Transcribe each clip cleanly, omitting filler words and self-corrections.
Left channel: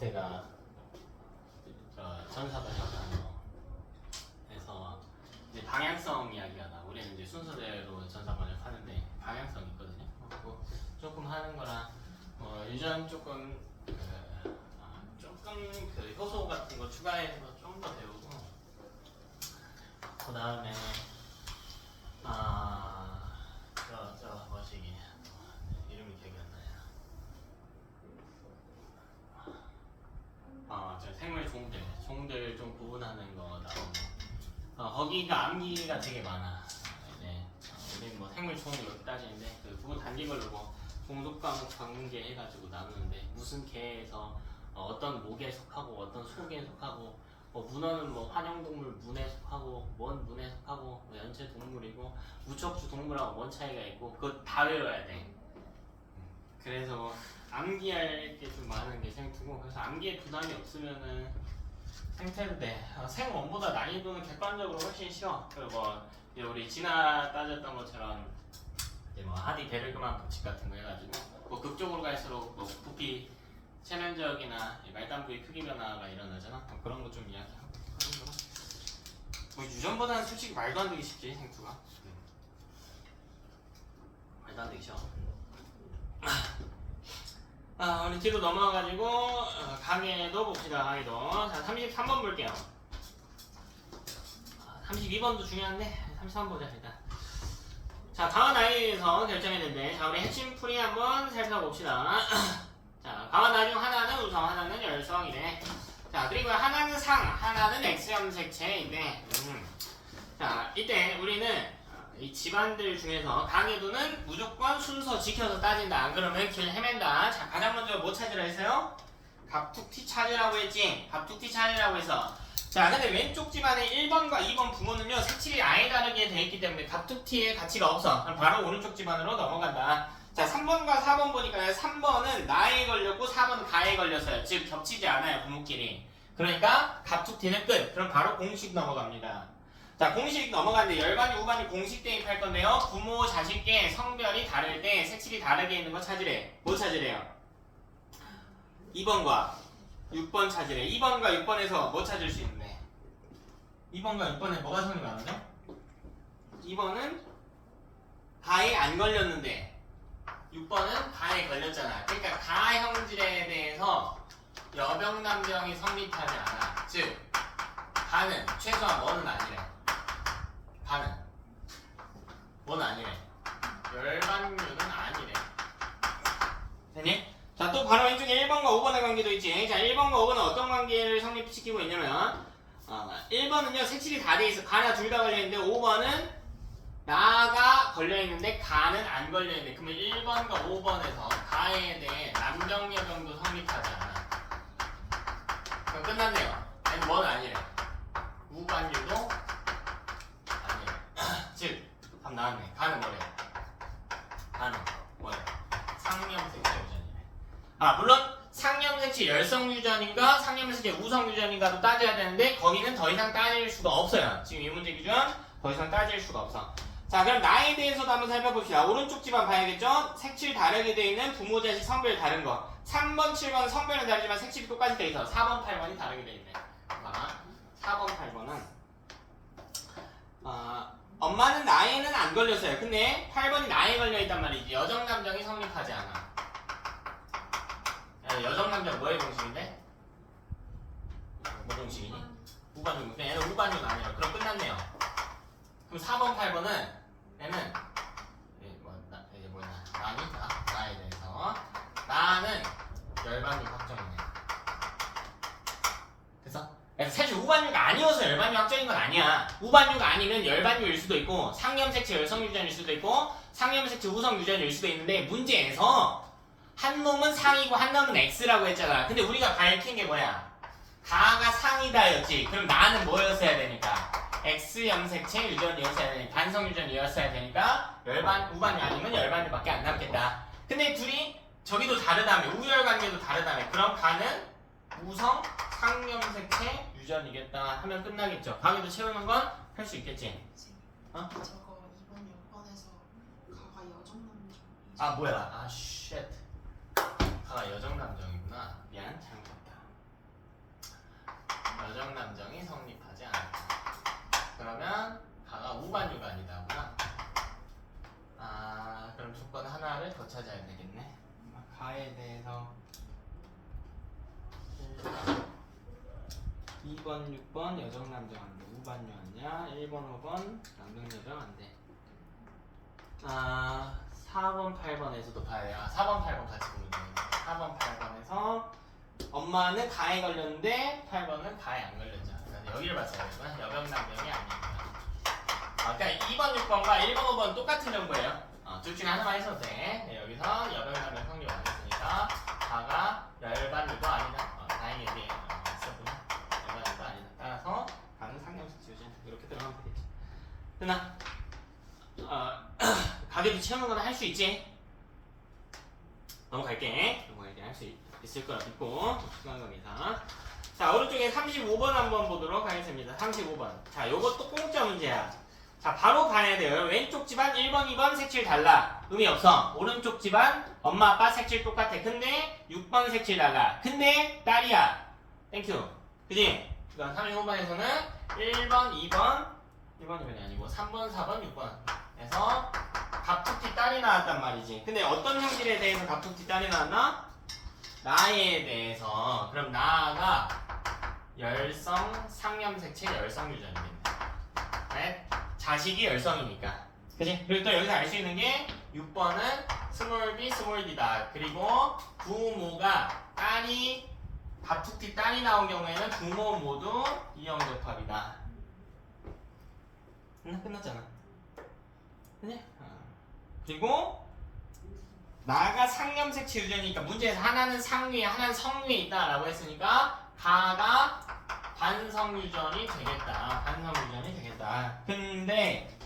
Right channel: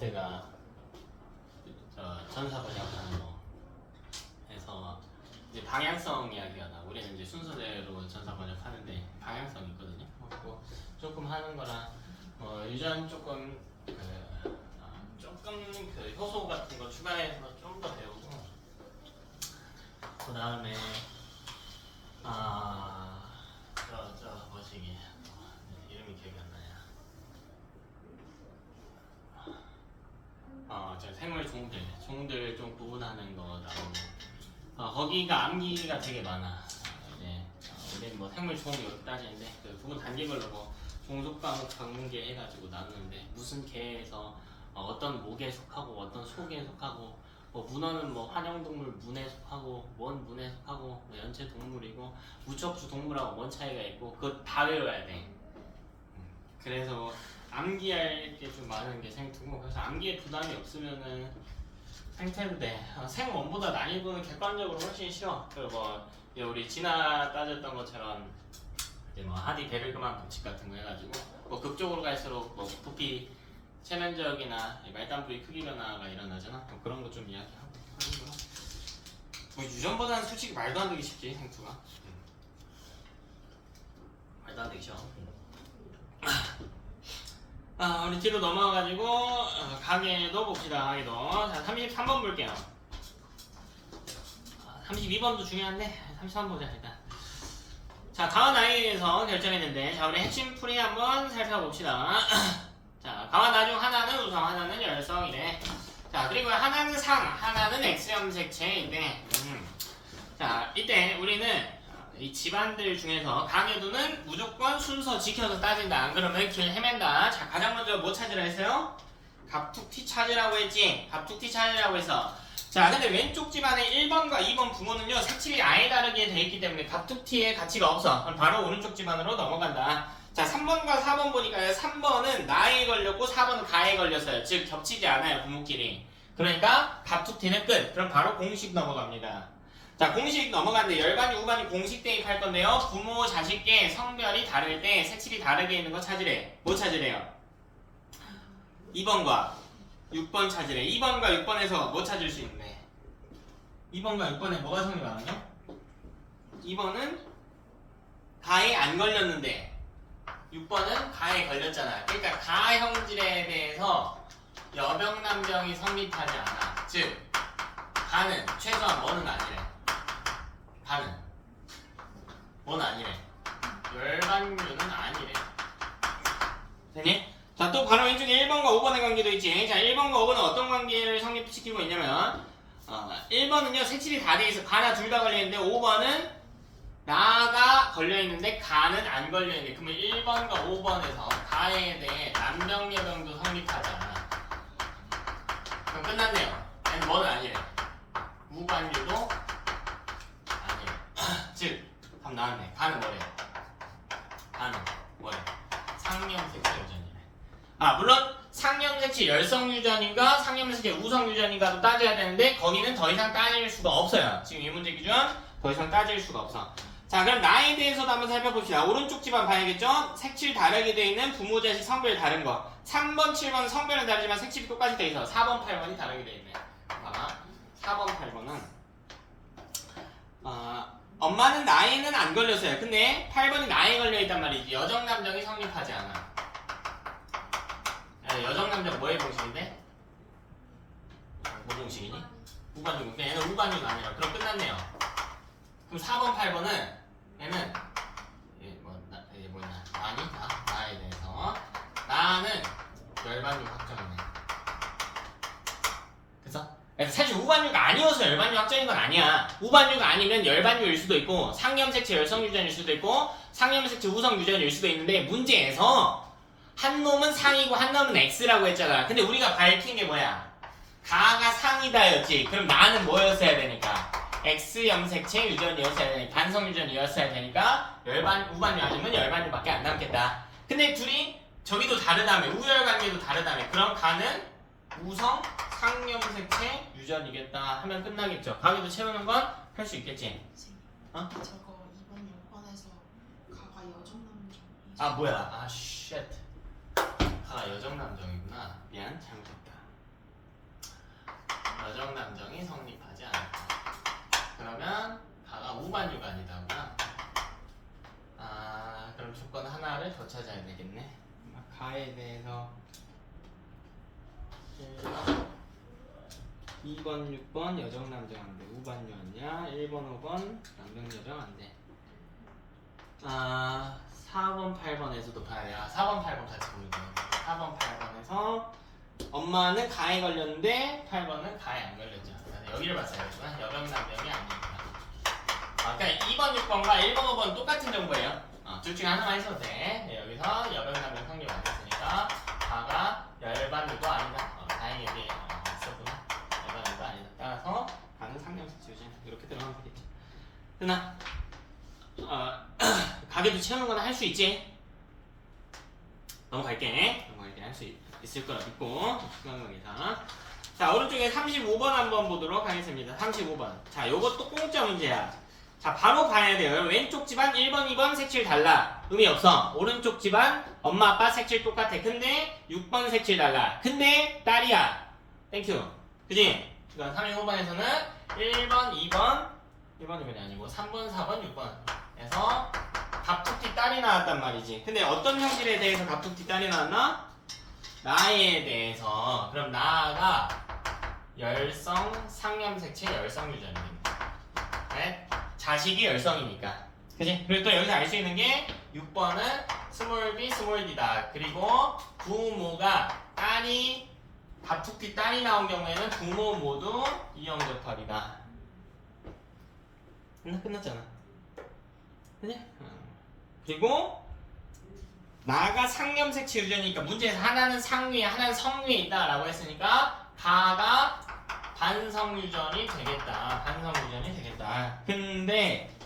제가 전사 번역하는 거 해서 이제 방향성 이야기가 나. 우리는 이제 순서대로 전사 번역하는데 방향성이 있거든요. 뭐 조금 하는 거랑 유전 조금 조금 그 효소 같은 거 추가해서 좀 더 배우고 그 다음에 뭐지 이게 이름이 기억이 안 나요. 저 생물 종들 좀 구분하는 거 나오고 거기가 암기가 되게 많아. 이제 우리 뭐 생물 종 이렇게 따지는데 그 구분 단계 걸로 종속 과목 전문계 해가지고 나누는데 무슨 개에서 어떤 목에 속하고 어떤 속에 속하고 문어는 뭐 환영동물 문에 속하고 뭔 문에 속하고 뭐 연체 동물이고 무척주 동물하고 뭔 차이가 있고 그거 다 외워야 돼. 그래서 암기할 게 좀 많은 게 생투고 그래서 암기에 부담이 없으면은 생태도 돼. 생원보다 난이도는 객관적으로 훨씬 쉬워. 그리고 뭐 우리 진화 따졌던 것처럼 이제 뭐 하디 베르그만 법칙 같은 거 해가지고 뭐 극적으로 갈수록 뭐 부피 체면적이나 말단부의 크기 변화가 일어나잖아. 그런 거 좀 이야기하고 하는 거. 뭐 유전보다는 솔직히 말도 안 되기 쉽지 생투가. 말도 안 되기 쉬워. 우리 뒤로 넘어가가지고 강의도 봅시다. 강의도 자 33번 볼게요. 32번도 중요한데 33번 보자 일단. 자 강한 나이에 대해서 결정했는데 자 우리 핵심 풀이 한번 살펴봅시다. 자 강한 나이 중 하나는 우성 하나는 열성이네. 자 그리고 하나는 상 하나는 X염색체인데 자 이때 우리는 이 집안들 중에서 강해도는 무조건 순서 지켜서 따진다. 안 그러면 길 헤맨다. 자 가장 먼저 뭐 찾으라 했어요? 갑툭튀 찾으라고 했지. 갑툭튀 찾으라고 해서 자 근데 왼쪽 집안의 1번과 2번 부모는요 색칠이 아예 다르게 돼 있기 때문에 갑툭튀의 가치가 없어. 그럼 바로 오른쪽 집안으로 넘어간다. 자 3번과 4번 보니까 3번은 나에 걸렸고 4번은 가에 걸렸어요. 즉 겹치지 않아요 부모끼리. 그러니까 갑툭튀는 끝. 그럼 바로 공식 넘어갑니다. 자 공식 넘어가는데 열반이 우반이 공식 대입할 건데요. 부모 자식계 성별이 다를 때 색칠이 다르게 있는 거 찾으래. 뭐 찾으래요? 2번과 6번 찾으래. 2번과 6번에서 뭐 찾을 수 있네? 2번과 6번에 뭐가 성이 많은데? 2번은 가에 안 걸렸는데 6번은 가에 걸렸잖아. 그러니까 가 형질에 대해서 여병남병이 성립하지 않아. 즉 가는 최소한 뭐는 아니래. 가는 뭐는 아니래. 열반류는 아니래. 됐니? 자 또 바로 왼쪽에 1번과 5번의 관계도 있지. 자 1번과 5번은 어떤 관계를 성립시키고 있냐면 1번은요 색칠이 다 돼있어. 가나 둘 다 걸려있는데 5번은 나가 걸려있는데 가는 안 걸려있는데 그러면 1번과 5번에서 가에 대해 남정 여병도 성립하지 않아. 그럼 끝났네요. 얘는 뭐는 아니래. 무관류도 아니래. 즉 답 나왔네. 가는 뭐래? 가는 뭐래? 상염색체 유전이래. 물론 상염색체 열성유전인가 상염색체 우성유전인가도 따져야 되는데 거기는 더 이상 따질 수가 없어요. 지금 이 문제 기준 더 이상 따질 수가 없어. 자 그럼 나에 대해서도 한번 살펴봅시다. 오른쪽 집안 봐야겠죠? 색칠 다르게 돼 있는 부모 자식 성별 다른 거. 3번 7번 성별은 다르지만 색칠이 똑같이 돼 있어. 4번 8번이 다르게 돼 있네. 4번 8번은 엄마는 나이는 안 걸렸어요. 근데 8번이 나이에 걸려있단 말이지. 여정남정이 성립하지 않아. 여정남정 뭐의 공식인데? 뭐 공식이니? 우반육. 그냥 얘는 우반육 아니라. 그럼 끝났네요. 그럼 4번 8번은 얘는 뭐냐 나에 대해서 나는 열반육 확정이네. 그래서 사실 우반류가 아니어서 열반류 확정인 건 아니야. 우반류가 아니면 열반류일 수도 있고 상염색체 열성유전일 수도 있고 상염색체 우성유전일 수도 있는데 문제에서 한 놈은 상이고 한 놈은 X라고 했잖아. 근데 우리가 밝힌 게 뭐야? 가가 상이다였지. 그럼 나는 뭐였어야 되니까? X염색체 유전이었어야 되니까 반성유전이었어야 되니까 우반류 아니면 열반류밖에 안 남겠다. 근데 둘이 저기도 다르다며 우열관계도 다르다며 그럼 가는 우성 상염색체 유전이겠다 하면 끝나겠죠. 가게도 채우는 건 할 수 있겠지. 저거 2번 6번에서 가가 여정남정. 뭐야 쉣 가가 여정남정이구나. 미안 잘못했다. 2번, 6번 여정 남정 안 돼. 우반유 아니야. 1번, 5번 남정 여정 안 돼. 4번, 8번에서도 봐야 돼. 4번, 8번 같이 보면 돼. 4번, 8번에서 엄마는 가에 걸렸는데 8번은 가에 안 걸렸잖아. 여기를 봤어야겠구나. 여정 남정이 아니니까. 그러니까 2번, 6번과 1번, 5번 똑같은 정보예요. 둘 중에 하나만 있어도 돼. 네, 여기서 여정 남정 성립 안 됐으니까 가가 열반유도 아니다. 다행히 여기 있었구나. 열반유도 아니다. 따라서 가는 상명식 지우지. 이렇게 들어가면 되겠지. 누나 가게도 채우는 건 할 수 있지? 넘어갈게 할 수 있을 거라 믿고 수강관계사. 자, 오른쪽에 35번 한번 보도록 하겠습니다. 35번. 자, 요것도 공짜 문제야. 자, 바로 봐야 돼요. 왼쪽 집안 1번, 2번 색칠 달라. 의미 없어. 오른쪽 집안 엄마, 아빠 색칠 똑같아. 근데 6번 색칠 달라. 근데 딸이야. 땡큐. 그지? 그러니까 35번에서는 1번, 2번이 아니고 3번, 4번, 6번 에서 갑툭튀 딸이 나왔단 말이지. 근데 어떤 형질에 대해서 갑툭튀 딸이 나왔나? 나에 대해서. 그럼 나가 열성, 상염색칠, 열성유전이 됩니다. 네? 자식이 열성이니까. 그치? 그리고 또 여기서 알 수 있는 게 6번은 스몰 b, 스몰 d다. 그리고 부모가 딸이 갑툭튀 딸이 나온 경우에는 부모 모두 이형접합이다. 끝났잖아. 그치? 그리고 나가 상염색칠 유전이니까 문제에서 하나는 상위에 하나는 성위에 있다라고 했으니까 가가 반성유전이 되겠다. 반성유전이 되겠다. 근데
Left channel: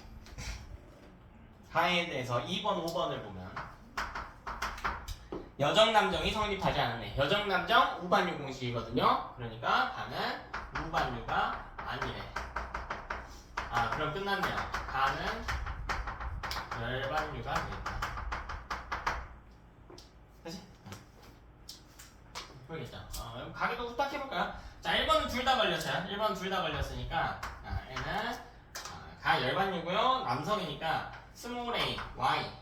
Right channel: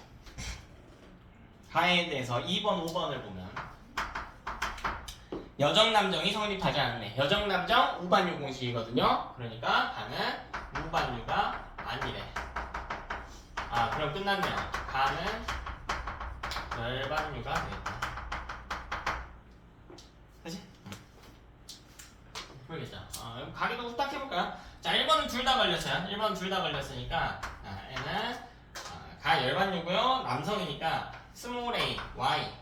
가에 대해서 2번, 5번을 보면 여정남정이 성립하지 않았네. 여정남정 우반유 공식이거든요. 그러니까 가는 우반유가 아니래. 그럼 끝났네요. 가는 열반유가 되겠다. 그치? 모르겠죠. 가게도 후딱 해볼까요? 자, 1번은 둘 다 걸렸어요. 1번 둘 다 걸렸으니까 N은 가 열반유고요. 남성이니까 스몰 a, y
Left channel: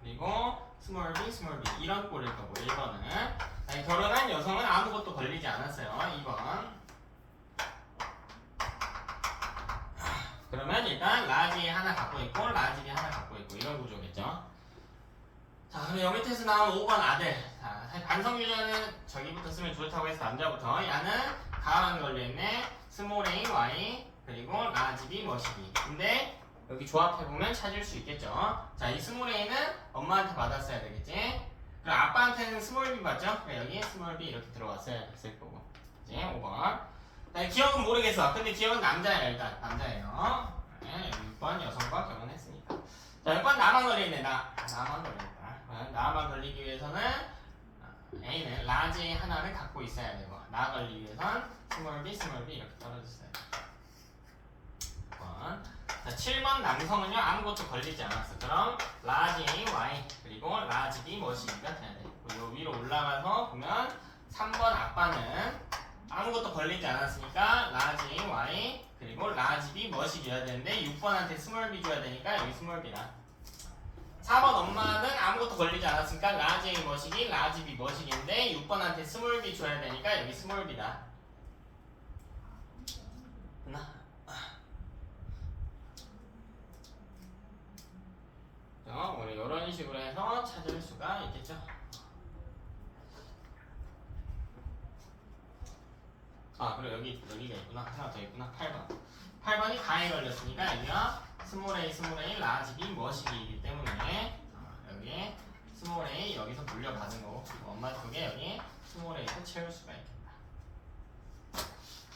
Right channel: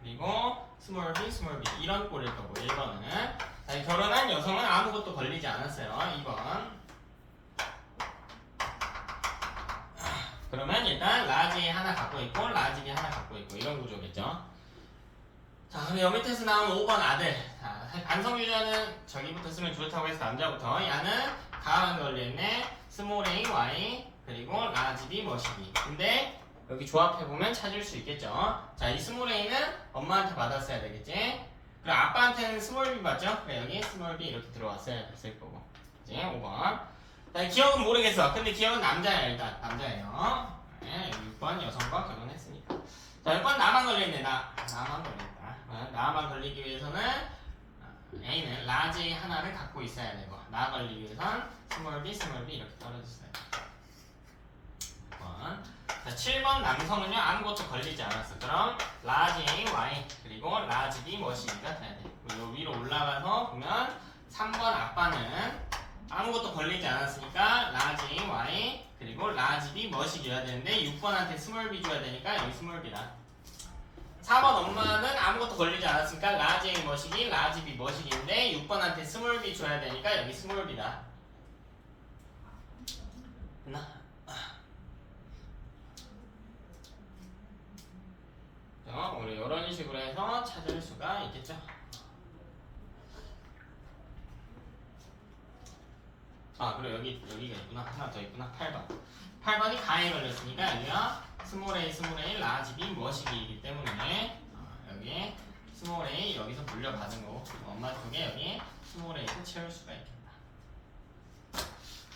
그리고 스몰 b, 스몰 b 이런 꼴일 거고 1번은 결혼한 여성은 아무것도 걸리지 않았어요. 2번 그러면 일단 라지 하나 갖고 있고 라지 B 하나 갖고 있고 이런 구조겠죠. 자, 그럼 여 밑에서 나온 5번 아들. 자, 반성유전은 저기부터 쓰면 좋다고 해서 남자부터 야는 가만 걸려있네. 스몰 a, y 그리고 라지 B, 머시기. 근데 여기 조합해보면 찾을 수 있겠죠. 자, 이 스몰 a는 엄마한테 받았어야 되겠지. 그리고 아빠한테는 스몰 b 받죠. 그래, 여기 스몰 b 이렇게 들어왔어야 됐을 거고. 이제 5번. 자, 기억은 모르겠어. 근데 기억은 남자예요. 일단 남자예요. 네, 6번 여성과 결혼했으니까. 자, 6번 나만 걸려있네. 나만 걸려있다. 나만 걸리기 위해서는 A는 라지 하나를 갖고 있어야 되고 나 걸리기 위해선 스몰 b, 스몰 b 이렇게 떨어졌어요. 6번. 자, 7번 남성은요 아무것도 걸리지 않았어. 그럼 라지 A, Y 그리고 라지 B 머시기가 돼야 돼. 그리고 위로 올라가서 보면 3번 아빠는 아무것도 걸리지 않았으니까 라지 A, Y 그리고 라지 B 머시기여야 되는데 6번한테 스몰 b 줘야 되니까 여기 스몰 b라. 4번 엄마는 아무것도 걸리지 않았으니까 라지 A 머시기, 라지 B 머시기인데 6번한테 스몰 b 줘야 되니까 여기 스몰 b다. 됐나? 오늘 이런 식으로 해서 찾을 수가 있겠죠. 그리고 여기가 있구나. 하나 더 있구나. 8번이 가에 걸렸으니까 여기가 스몰 a, 스몰 a, 라지 B 머시기이기 때문에 여기 스몰 a 여기서 물려받은 거 엄마 쪽에 여기 스몰 a를 채울 수가 있겠다.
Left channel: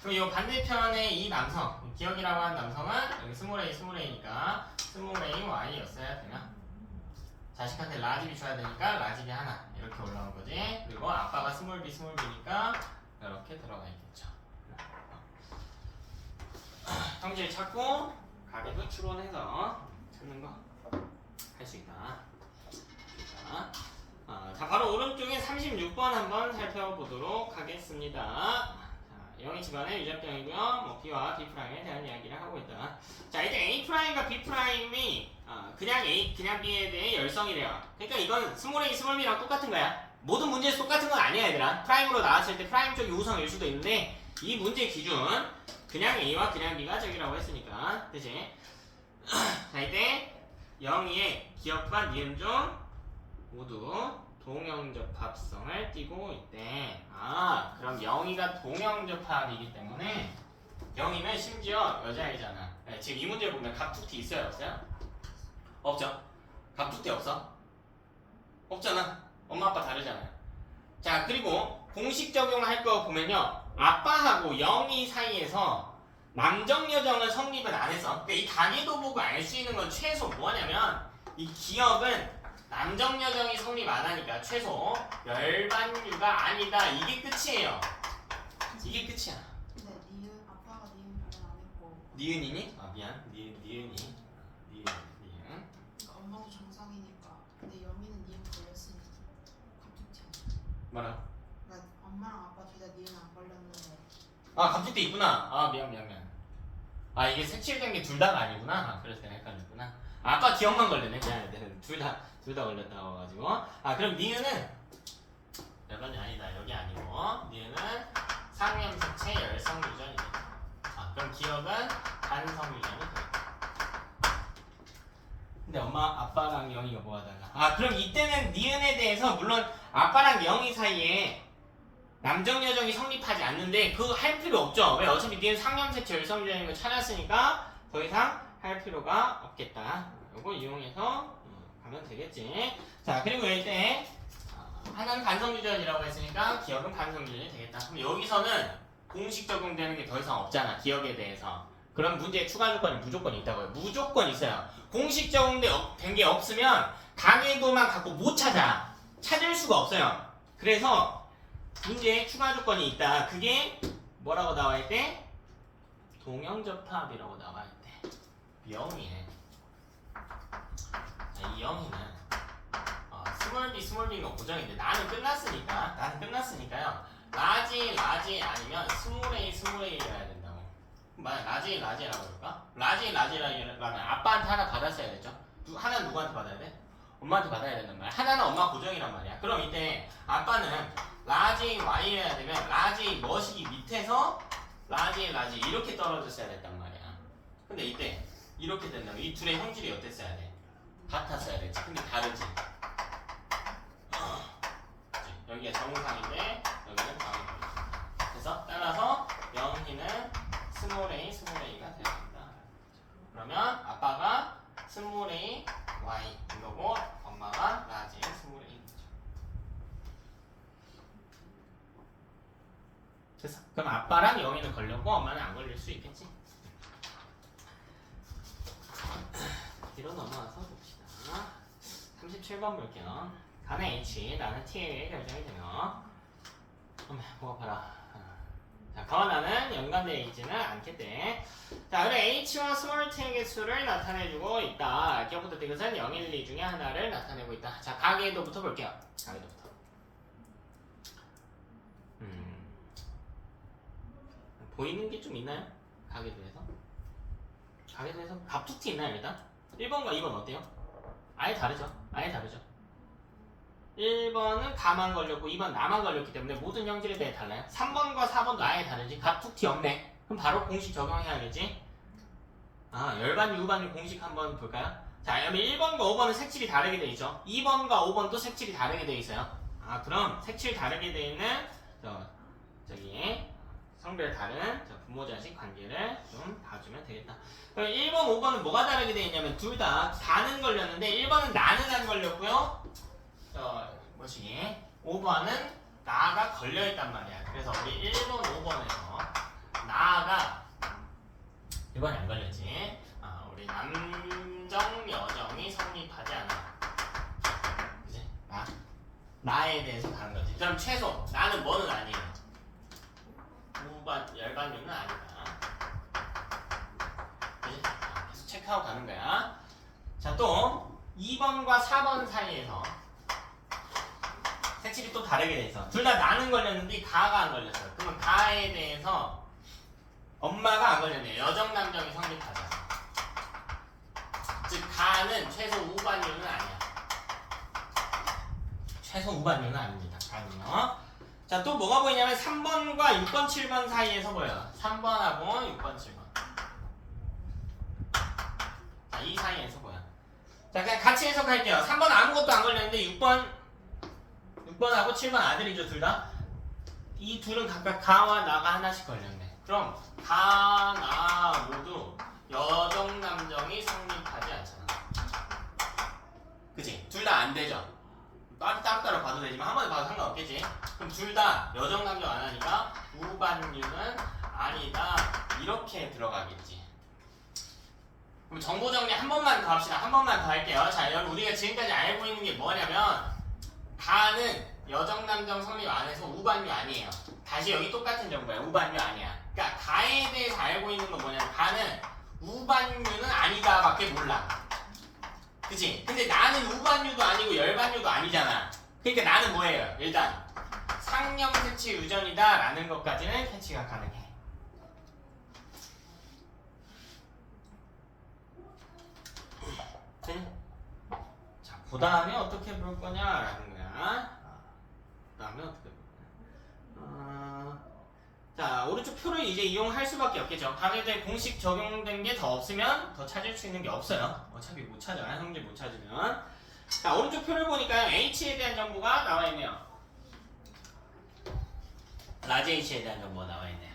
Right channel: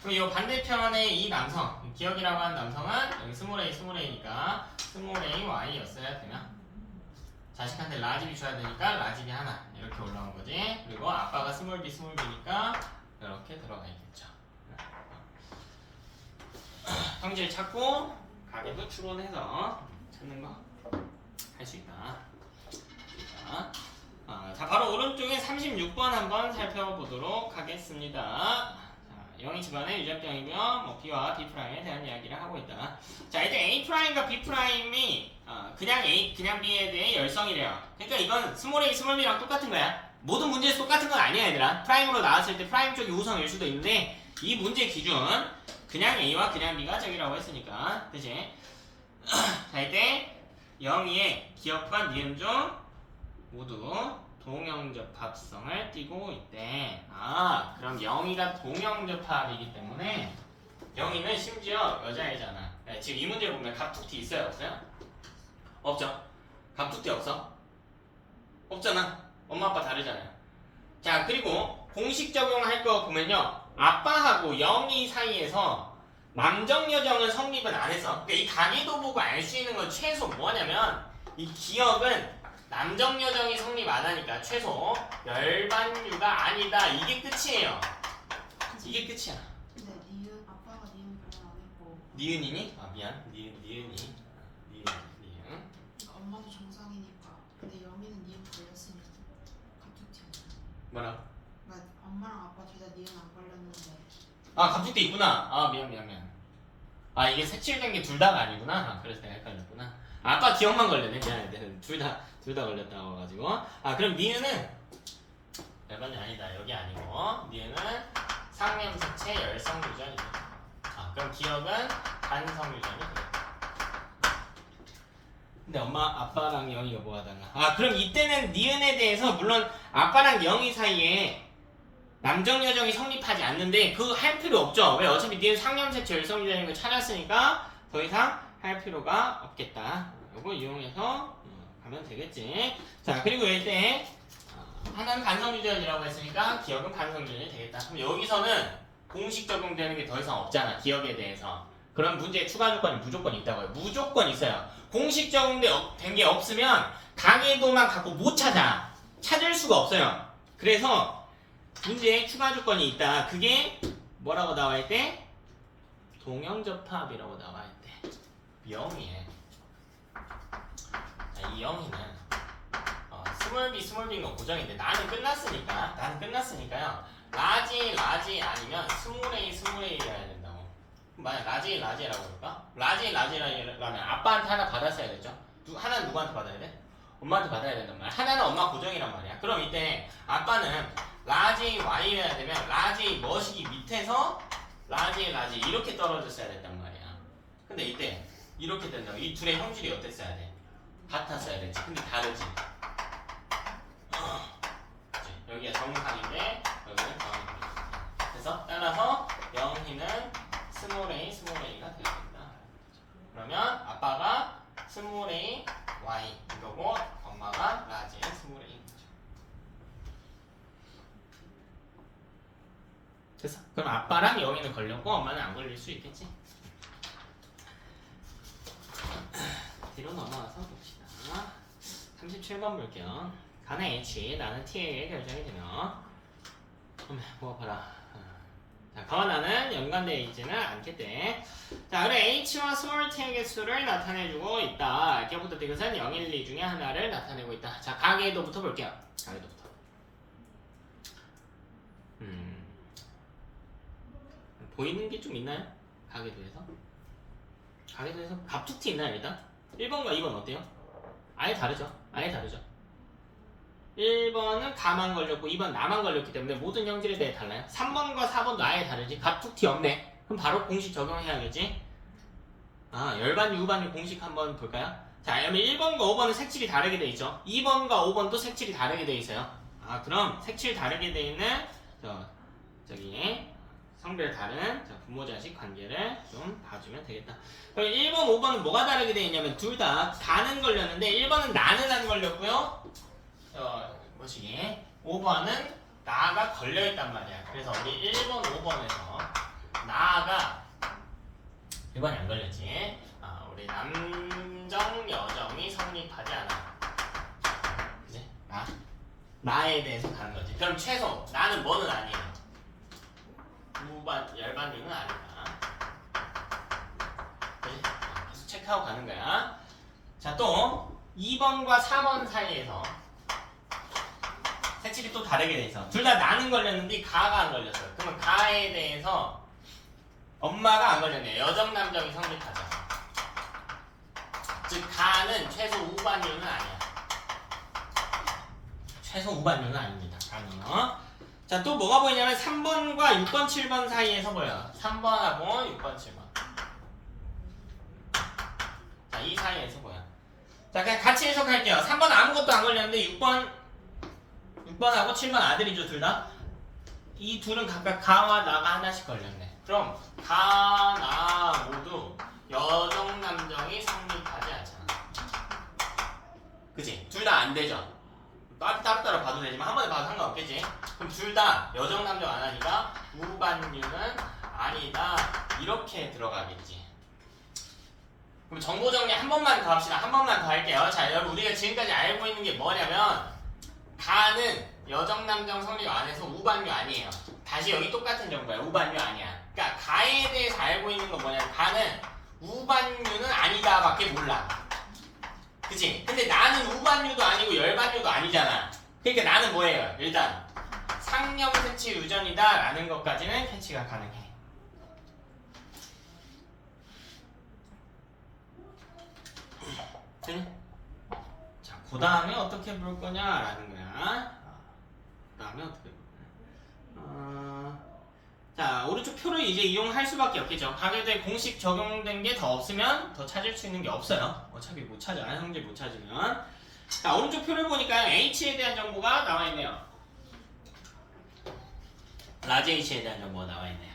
그리고 이 반대편에 이 남성 기억이라고 하는 남성은 여기 스몰 a, 스몰 a니까 스몰 a, y였어야 되면 자식한테 라지 B 줘야 되니까 라지 B 하나 이렇게 올라온 거지. 그리고 아빠가 스몰 b, 스몰 b니까 이렇게 들어가 있겠죠. 성질 찾고 가계도 추론해서 찾는 거 할 수 있다. 자, 바로 오른쪽에 36번 한번 살펴보도록 하겠습니다. 자, 0의 집안의 유전병이고요. 뭐 B와 B'에 대한 이야기를 하고 있다. 자, 이제 A'과 B'이 그냥 B에 대해 열성이래요. 그러니까 이건 스몰 A, 스몰 B랑 똑같은 거야. 모든 문제에서 똑같은 건 아니야, 얘들아. 프라임으로 나왔을 때 프라임 쪽이 우성일 수도 있는데 이 문제 기준 그냥 A와 그냥 B가 저기라고 했으니까 그치? 자 이때 영희의 기억과 니은 중 모두 동형접합성을 띠고 있대. 아 그럼 영희가 동형접합이기 때문에 영희는 심지어 여자애잖아. 네, 지금 이 문제 보면 갑툭튀 있어요 없어요? 없죠? 갑툭튀 없어? 없잖아. 엄마 아빠 다르잖아요. 자 그리고 공식 적용할 거 보면요 아빠하고 영희 사이에서 남정 여정은 성립은 안 했어. 그러니까 이 가계도 보고 알 수 있는 건 최소 뭐냐면 이 기억은 남정 여정이 성립 안 하니까 최소 열반유가 아니다. 이게 끝이에요. 이게 끝이야. 근데 니은 아빠가 니은 발언 안 했고 니은이니? 아 미안. 니은이. 니은. 그러니까 엄마도 정상이니까 근데 영희는 니은 걸렸으니 갑툭튀 아니야. 뭐라고? 그러니까 엄마랑 아빠 둘 다 니은 안 걸렸는데 아 갑툭튀 있구나. 아 미안. 아 이게 색칠된 게 둘 다가 아니구나. 아, 그래서 내가 헷갈렸구나. 아까 기억만 걸렸네. 미안해. 둘 다 걸렸다고 가지고. 아 그럼 니은은 열반이 아니다. 여기 아니고 니은은 상염색체 열성유전이다. 아 그럼 기억은 반성유전이 되겠다. 근데 엄마 아빠랑 영희가 뭐가 달라? 아 그럼 이때는 니은에 대해서 물론 아빠랑 영희 사이에 남정 여정이 성립하지 않는데 그거 할 필요 없죠. 왜? 어차피 니은 상염색체 열성유전인 거 찾았으니까 더 이상 할 필요가 없겠다. 이거 이용해서 가면 되겠지. 자 그리고 이때 하나는 반성유전이라고 했으니까 기억은 반성유전이 되겠다. 그럼 여기서는 공식 적용되는 게 더 이상 없잖아. 기억에 대해서. 그럼 문제에 추가 조건이 무조건 있다고요. 무조건 있어요. 공식 적용된 게 없으면 가계도만 갖고 못 찾을 수가 없어요. 그래서 문제에 추가 조건이 있다. 그게 뭐라고 나와 있대? 동형접합이라고 나와 있대. 영희에 이 영희는 스몰 B가 고정인데 나는 끝났으니까요. 라지 아니면 스몰A여야 된다고. 만약 라지라고 할까? 라지라면 아빠한테 하나 받았어야 되죠. 하나는 누구한테 받아야 돼? 엄마한테 받아야 된단 말이야. 하나는 엄마 고정이란 말이야. 그럼 이때 아빠는 라지 Y여야 되면 라지 머시기 밑에서 라지 이렇게 떨어졌어야 됐단 말이야. 근데 이때 이렇게 된다고. 이 둘의 형질이 어땠어야 돼? 같았어야 되지. 근데 다르지. 여기가 정상인데 여기는 정상입니다. 그래서 따라서 영희는 스몰 A가 되어진다. 그러면 아빠가 스몰 A Y 이거고 엄마가 라지 스몰 A. 됐어. 그럼 아빠랑 영희는 걸렸고 엄마는 안 걸릴 수 있겠지. 뒤로 넘어와서 봅시다. 37번 볼게요. 가는 H, 나는 T에 결정이 되며 뭐가 봐라. 자, 가와 나는 연관되어 있지는 않기 때문에 자, 그럼 H와 스몰 t의 수를 나타내주고 있다. 기억부터 이것은 0, 1, 2 중에 하나를 나타내고 있다. 자, 가계도부터 볼게요. 가계도부터. 보이는 게 좀 있나요? 가계도에서? 가계도에서 갑툭튀 있나요 일단? 1번과 2번 어때요? 아예 다르죠? 1번은 다만 걸렸고 2번 나만 걸렸기 때문에 모든 형질에 대해 달라요. 3번과 4번도 아예 다르지. 갑툭튀 없네. 그럼 바로 공식 적용해야겠지. 아 열반 유반일 공식 한번 볼까요? 자 그러면 1번과 5번은 색칠이 다르게 돼 있죠. 2번과 5번도 색칠이 다르게 돼 있어요. 아 그럼 색칠 다르게 돼 있는 저기 성별 다른 부모 자식 관계를 좀 봐주면 되겠다. 그럼 1번 5번은 뭐가 다르게 돼 있냐면 둘 다 다는 걸렸는데 1번은 나는 안 걸렸고요. 뭐시기 5번은 나가 걸려있단 말이야. 그래서 우리 1번 5번에서 나가 1번이 안 걸렸지. 우리 남정 여정이 성립하지 않아. 그지? 나에 대해서 다른 거지. 그럼 최소 나는 뭐는 아니야. 열반유는 아니다. 그지? 그래서 체크하고 가는 거야. 자, 또 2번과 4번 사이에서 색칠이 또 다르게 돼 있어. 둘 다 나는 걸렸는데 가가 안 걸렸어. 그러면 가에 대해서 엄마가 안 걸렸네. 여정 남정이 성립하죠. 즉 가는 최소 우반유는 아니야. 최소 우반유는 아닙니다. 가는요. 자, 또 뭐가 보이냐면 3번과 6번, 7번 사이에서 보여. 3번하고 6번, 7번. 자, 이 사이에서 보여. 자, 그냥 같이 해석할게요. 3번 아무것도 안 걸렸는데 6번하고 7번 아들이죠, 둘 다. 이 둘은 각각 가와 나가 하나씩 걸렸네. 그럼 가, 나 모두 여정, 남정이 성립하지 않잖아. 그치? 둘 다 안 되죠? 따로따로 봐도 되지만 한 번에 봐도 상관없겠지? 그럼 둘 다 여정, 남정 안 하니까 우반류는 아니다. 이렇게 들어가겠지. 그럼 정보 정리 한 번만 더 합시다. 한 번만 더 할게요. 자, 여러분 우리가 지금까지 알고 있는 게 뭐냐면 가는 여정, 남정 성립 안에서 우반류 아니에요. 다시 여기 똑같은 정보야. 우반류 아니야. 그러니까 가에 대해서 알고 있는 건 뭐냐면 가는 우반류는 아니다 밖에 몰라. 그치? 근데 나는 우반류도 아니고 열반류도 아니잖아. 그러니까 나는 뭐예요? 일단 상염색치 유전이다 라는 것까지는 캐치가 가능해. 자, 그 다음에 어떻게 볼 거냐라는 거야. 그 다음에 어떻게 볼 거냐. 자, 오른쪽 표를 이제 이용할 수밖에 없겠죠. 가계도에 공식 적용된 게 더 없으면 더 찾을 수 있는 게 없어요. 어차피 못 찾아. 형제 못 찾으면. 자, 오른쪽 표를 보니까 H에 대한 정보가 나와 있네요. 라지 H에 대한 정보가 나와 있네요.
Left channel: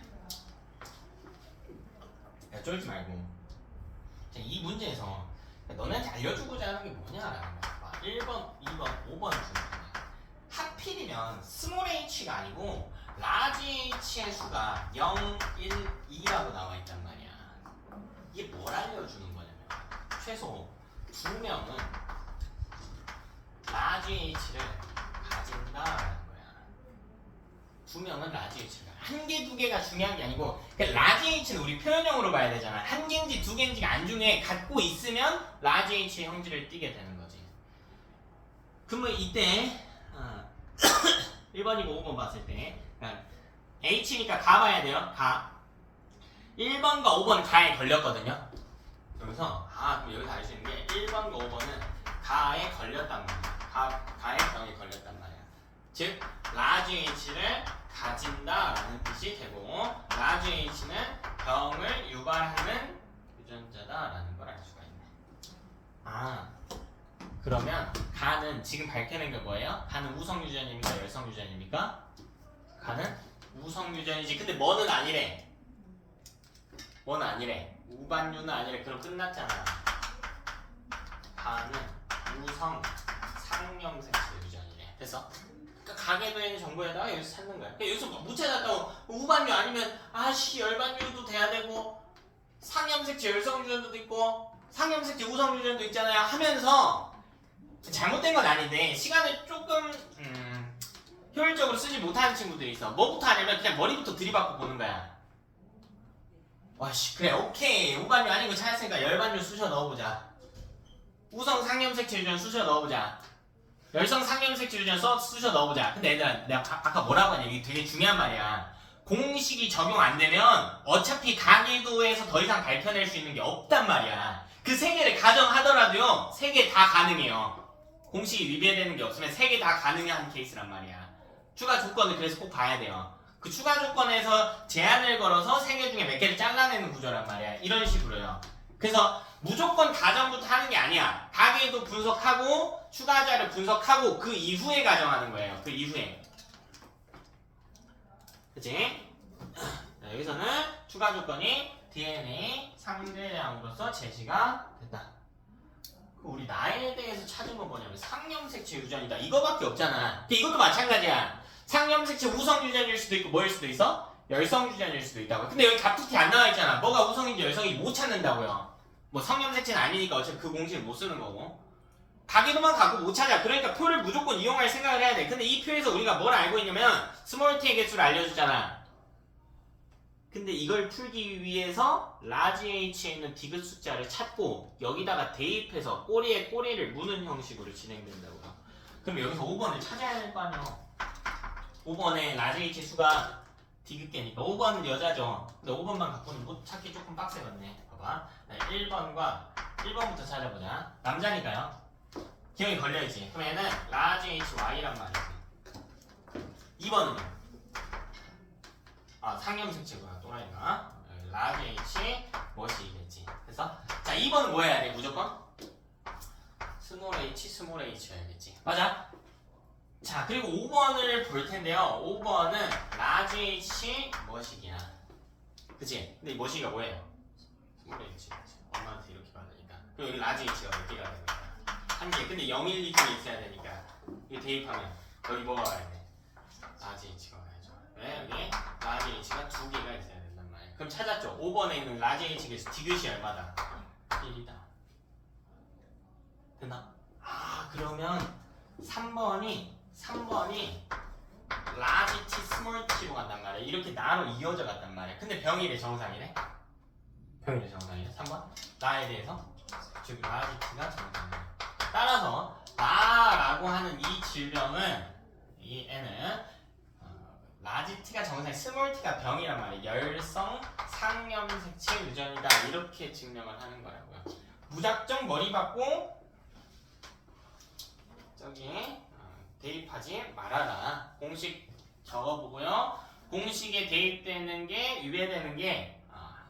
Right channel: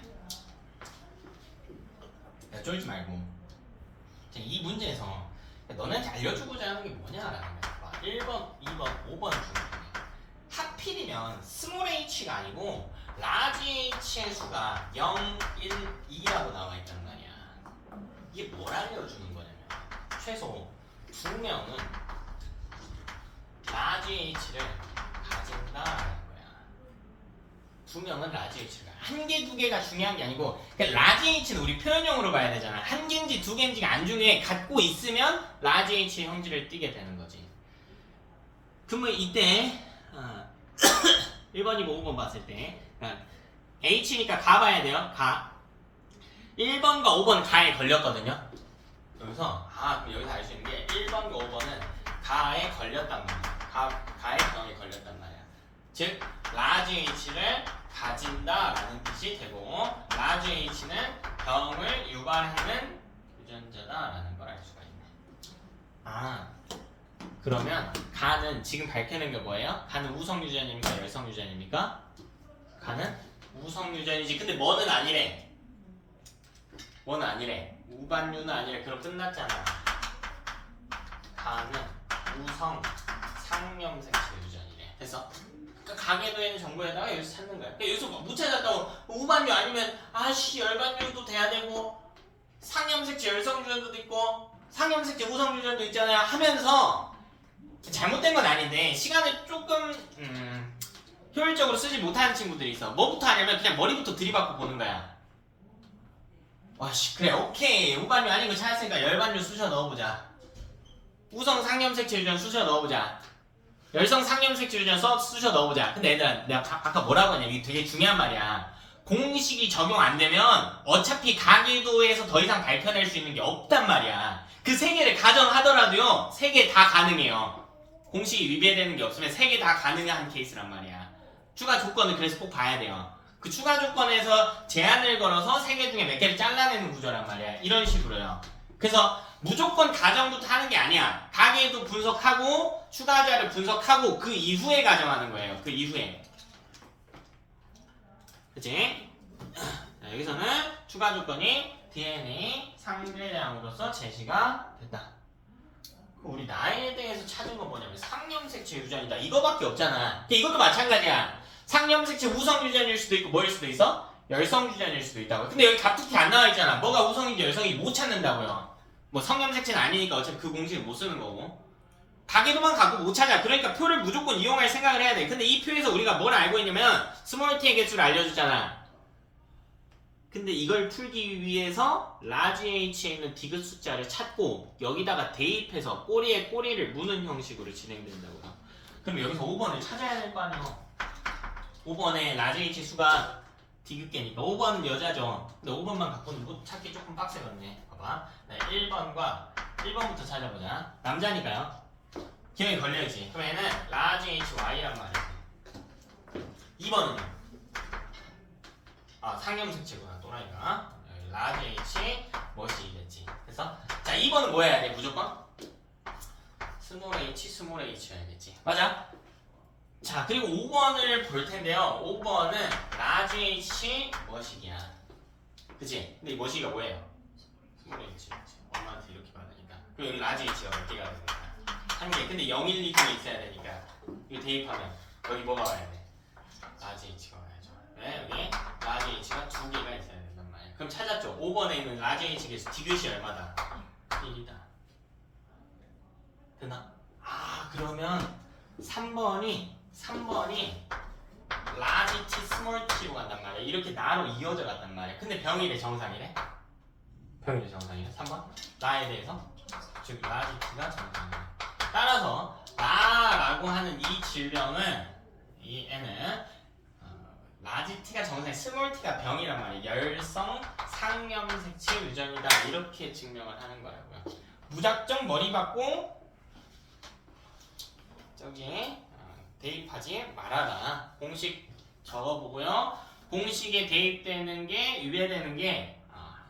야, 쫄지 말고. 자, 이 문제에서 너네한테 알려주고자 하는 게 뭐냐라는 거야. 1번, 2번, 5번 중에 하필이면 스몰 h가 아니고 라지 h의 수가 0, 1, 2라고 나와 있단 말이야. 이게 뭘 알려주는 거냐면 최소 2명은 라지 h를 가진다라는 거야. 2명은 라지 h가 한 개, 두 개가 중요한 게 아니고 그러니까 라지 h는 우리 표현형으로 봐야 되잖아. 한 개인지 두 개인지가 안 중요해. 갖고 있으면 라지 h의 형질을 띠게 되는 거지. 그러면 이때 1번이고 5번 봤을 때 H니까 가 봐야 돼요. 가 1번과 5번은 가에 걸렸거든요. 그래서 그럼 여기서 알 수 있는 게 1번과 5번은 가에 걸렸단 말이야. 가에 병에 걸렸단 말이야. 즉 라지 H를 가진다라는 뜻이 되고 라지 H는 병을 유발하는 유전자다라는 걸 알 수가 있네. 그러면 가는 지금 밝혀낸 게 뭐예요? 가는 우성 유전입니까? 열성 유전입니까? 가는 우성 유전이지. 근데 뭐는 아니래. 뭐는 아니래. 우반류는 아니래. 그럼 끝났잖아. 가는 우성 상염색체 유전이래. 됐어? 그러니까 가계도에 있는 정보에다가 여기서 찾는 거야. 그러니까 여기서 못 찾았다고 우반류 아니면 열반류도 돼야 되고 상염색체 열성 유전도 있고 상염색체 우성 유전도 있잖아요 하면서 잘못된 건 아닌데 시간을 조금 효율적으로 쓰지 못하는 친구들이 있어. 뭐부터 하냐면 그냥 머리부터 들이받고 보는 거야. 와씨 그래 오케이 우반류 아닌 거 찾았으니까 열반류 쑤셔 넣어보자. 우성 상염색체 유전 쑤셔 넣어보자. 열성 상염색체 유전 쑤셔 넣어보자. 근데 얘들아 내가 아까 뭐라고 하냐 이게 되게 중요한 말이야. 공식이 적용 안 되면 어차피 가계도에서 더 이상 밝혀낼 수 있는 게 없단 말이야. 그 세 개를 가정하더라도요 3개 다 가능해요. 공식이 위배되는 게 없으면 3개 다 가능한 케이스란 말이야. 추가 조건을 그래서 꼭 봐야 돼요. 그 추가 조건에서 제한을 걸어서 3개 중에 몇 개를 잘라내는 구조란 말이야. 이런 식으로요. 그래서 무조건 가정부터 하는 게 아니야. 가계도 분석하고 추가자를 분석하고 그 이후에 가정하는 거예요. 그 이후에. 그치? 자, 여기서는 추가 조건이 DNA 상대량으로서 제시가 됐다. 우리 나에 대해서 찾은 건 뭐냐면 상염색체 유전이다. 이거밖에 없잖아. 근데 이것도 마찬가지야. 상염색체 우성 유전일 수도 있고 뭐일 수도 있어? 열성 유전일 수도 있다고. 근데 여기 갑툭튀 안 나와 있잖아. 뭐가 우성인지 열성인지 못 찾는다고요. 뭐 성염색체는 아니니까 어차피 그 공식을 못 쓰는 거고. 가계도만 갖고 못 찾아. 그러니까 표를 무조건 이용할 생각을 해야 돼. 근데 이 표에서 우리가 뭘 알고 있냐면 스몰 t의 개수를 알려주잖아. 근데 이걸 풀기 위해서 라지 h에 있는 디귿 숫자를 찾고 여기다가 대입해서 꼬리에 꼬리를 무는 형식으로 진행된다고요. 그럼 여기서 5번을 찾아야 될 거 아니에요. 5번에 라지 h 수가 디귿개니까 5번은 여자죠. 근데 5번만 갖고는 뭐 찾기 조금 빡세겠네. 봐봐. 1번부터 찾아보자. 남자니까요. 기억이 걸려야지. 그럼 얘는 라지 hy란 말이지. 2번은요. 상염색채구나 또라이가. 여기 라지 H 머시겠지. 그래서 자 2번은 뭐 해야 돼 무조건? 스몰 h 스몰 h 해야겠지. 맞아? 자 그리고 5번을 볼 텐데요. 5번은 라지 h 머시기야. 그치? 근데 이 머시기가 뭐예요? 스몰 h. 엄마한테 이렇게 받으니까. 그리고 여기 라지 h가 몇 개가 되니까. 한 개. 근데 0, 1, 2, 2에 있어야 되니까. 이거 대입하면 여기 뭐가 와야 돼? 라지 h가 와야죠. 왜? 여기 라지 h가 2개가 있어야 된단 말이야. 그럼 찾았죠? 5번에 있는 라지 h에서 디귿이 얼마다? 1이다. 됐나? 아 그러면 3번이 라지 t 스몰 t로 간단 말이야. 이렇게 나로 이어져 간단 말이야. 근데 병일의 정상이래? 병일의 정상이래? 3번? 나에 대해서? 즉 라지 t가 정상이야. 따라서 나라고 하는 이 질병은 이 애는 라지 t가 정상이 스몰 t가 병이란 말이야. 열성 상염색체 유전이다. 이렇게 증명을 하는 거라고요. 무작정 머리 받고 저기 대입하지 말아라. 공식 적어보고요. 공식에 대입되는 게 유예되는 게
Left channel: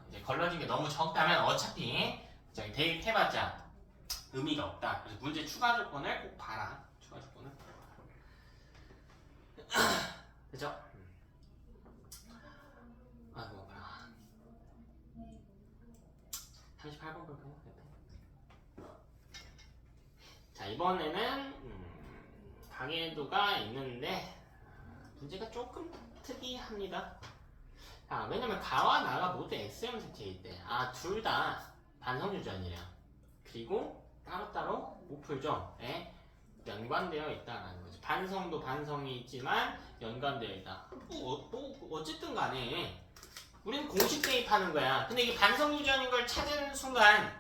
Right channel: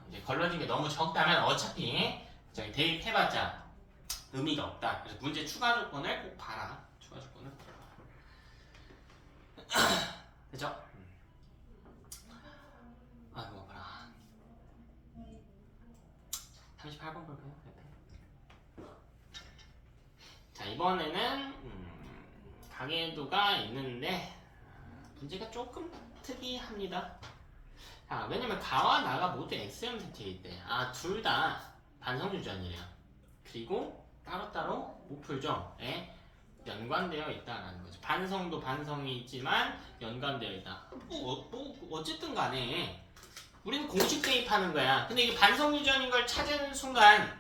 이제 걸러진 게 너무 적다면 어차피 저기 대입해봤자 의미가 없다. 그래서 문제 추가 조건을 꼭 봐라. 추가 조건을 그죠? 아이고 봐라. 38번 볼까요? 자 이번에는 가계도가 있는데 문제가 조금 특이합니다. 자 왜냐면 가와 나가 모두 X형 색채에 있대. 둘 다 반성유전이래요. 그리고 따로따로 무풀정에 연관되어 있다라는 거죠. 반성도 반성이 있지만 연관되어 있다. 어쨌든 간에 우리는 공식 대입하는 거야. 근데 이게 반성유전인 걸 찾은 순간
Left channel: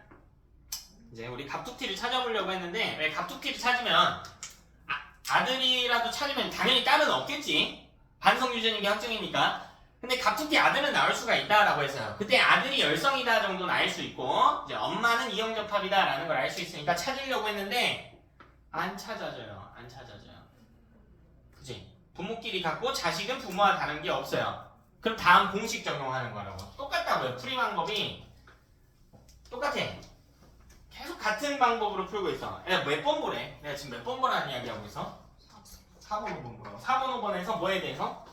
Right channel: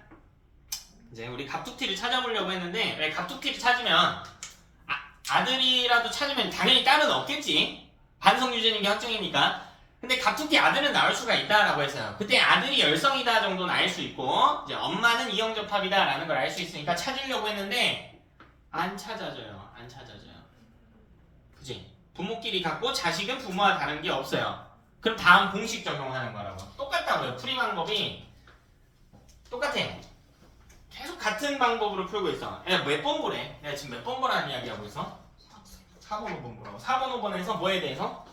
이제 우리 갑툭튀를 찾아보려고 했는데 왜 갑툭튀를 찾으면 아들이라도 찾으면 당연히 딸은 없겠지. 반성유전인 게 확정이니까. 근데 갑툭튀 아들은 나올 수가 있다라고 했어요. 그때 아들이 열성이다 정도는 알 수 있고 이제 엄마는 이형접합이다 라는 걸 알 수 있으니까 찾으려고 했는데 안 찾아져요. 안 찾아져요. 그치? 부모끼리 같고 자식은 부모와 다른 게 없어요. 그럼 다음 공식 적용하는 거라고. 똑같다고요. 풀이 방법이 똑같아. 계속 같은 방법으로 풀고 있어. 내가 몇 번 보래? 내가 지금 몇 번 보라는 이야기 하고 있어? 4번, 5번 보라고. 4번, 5번에서 뭐에 대해서?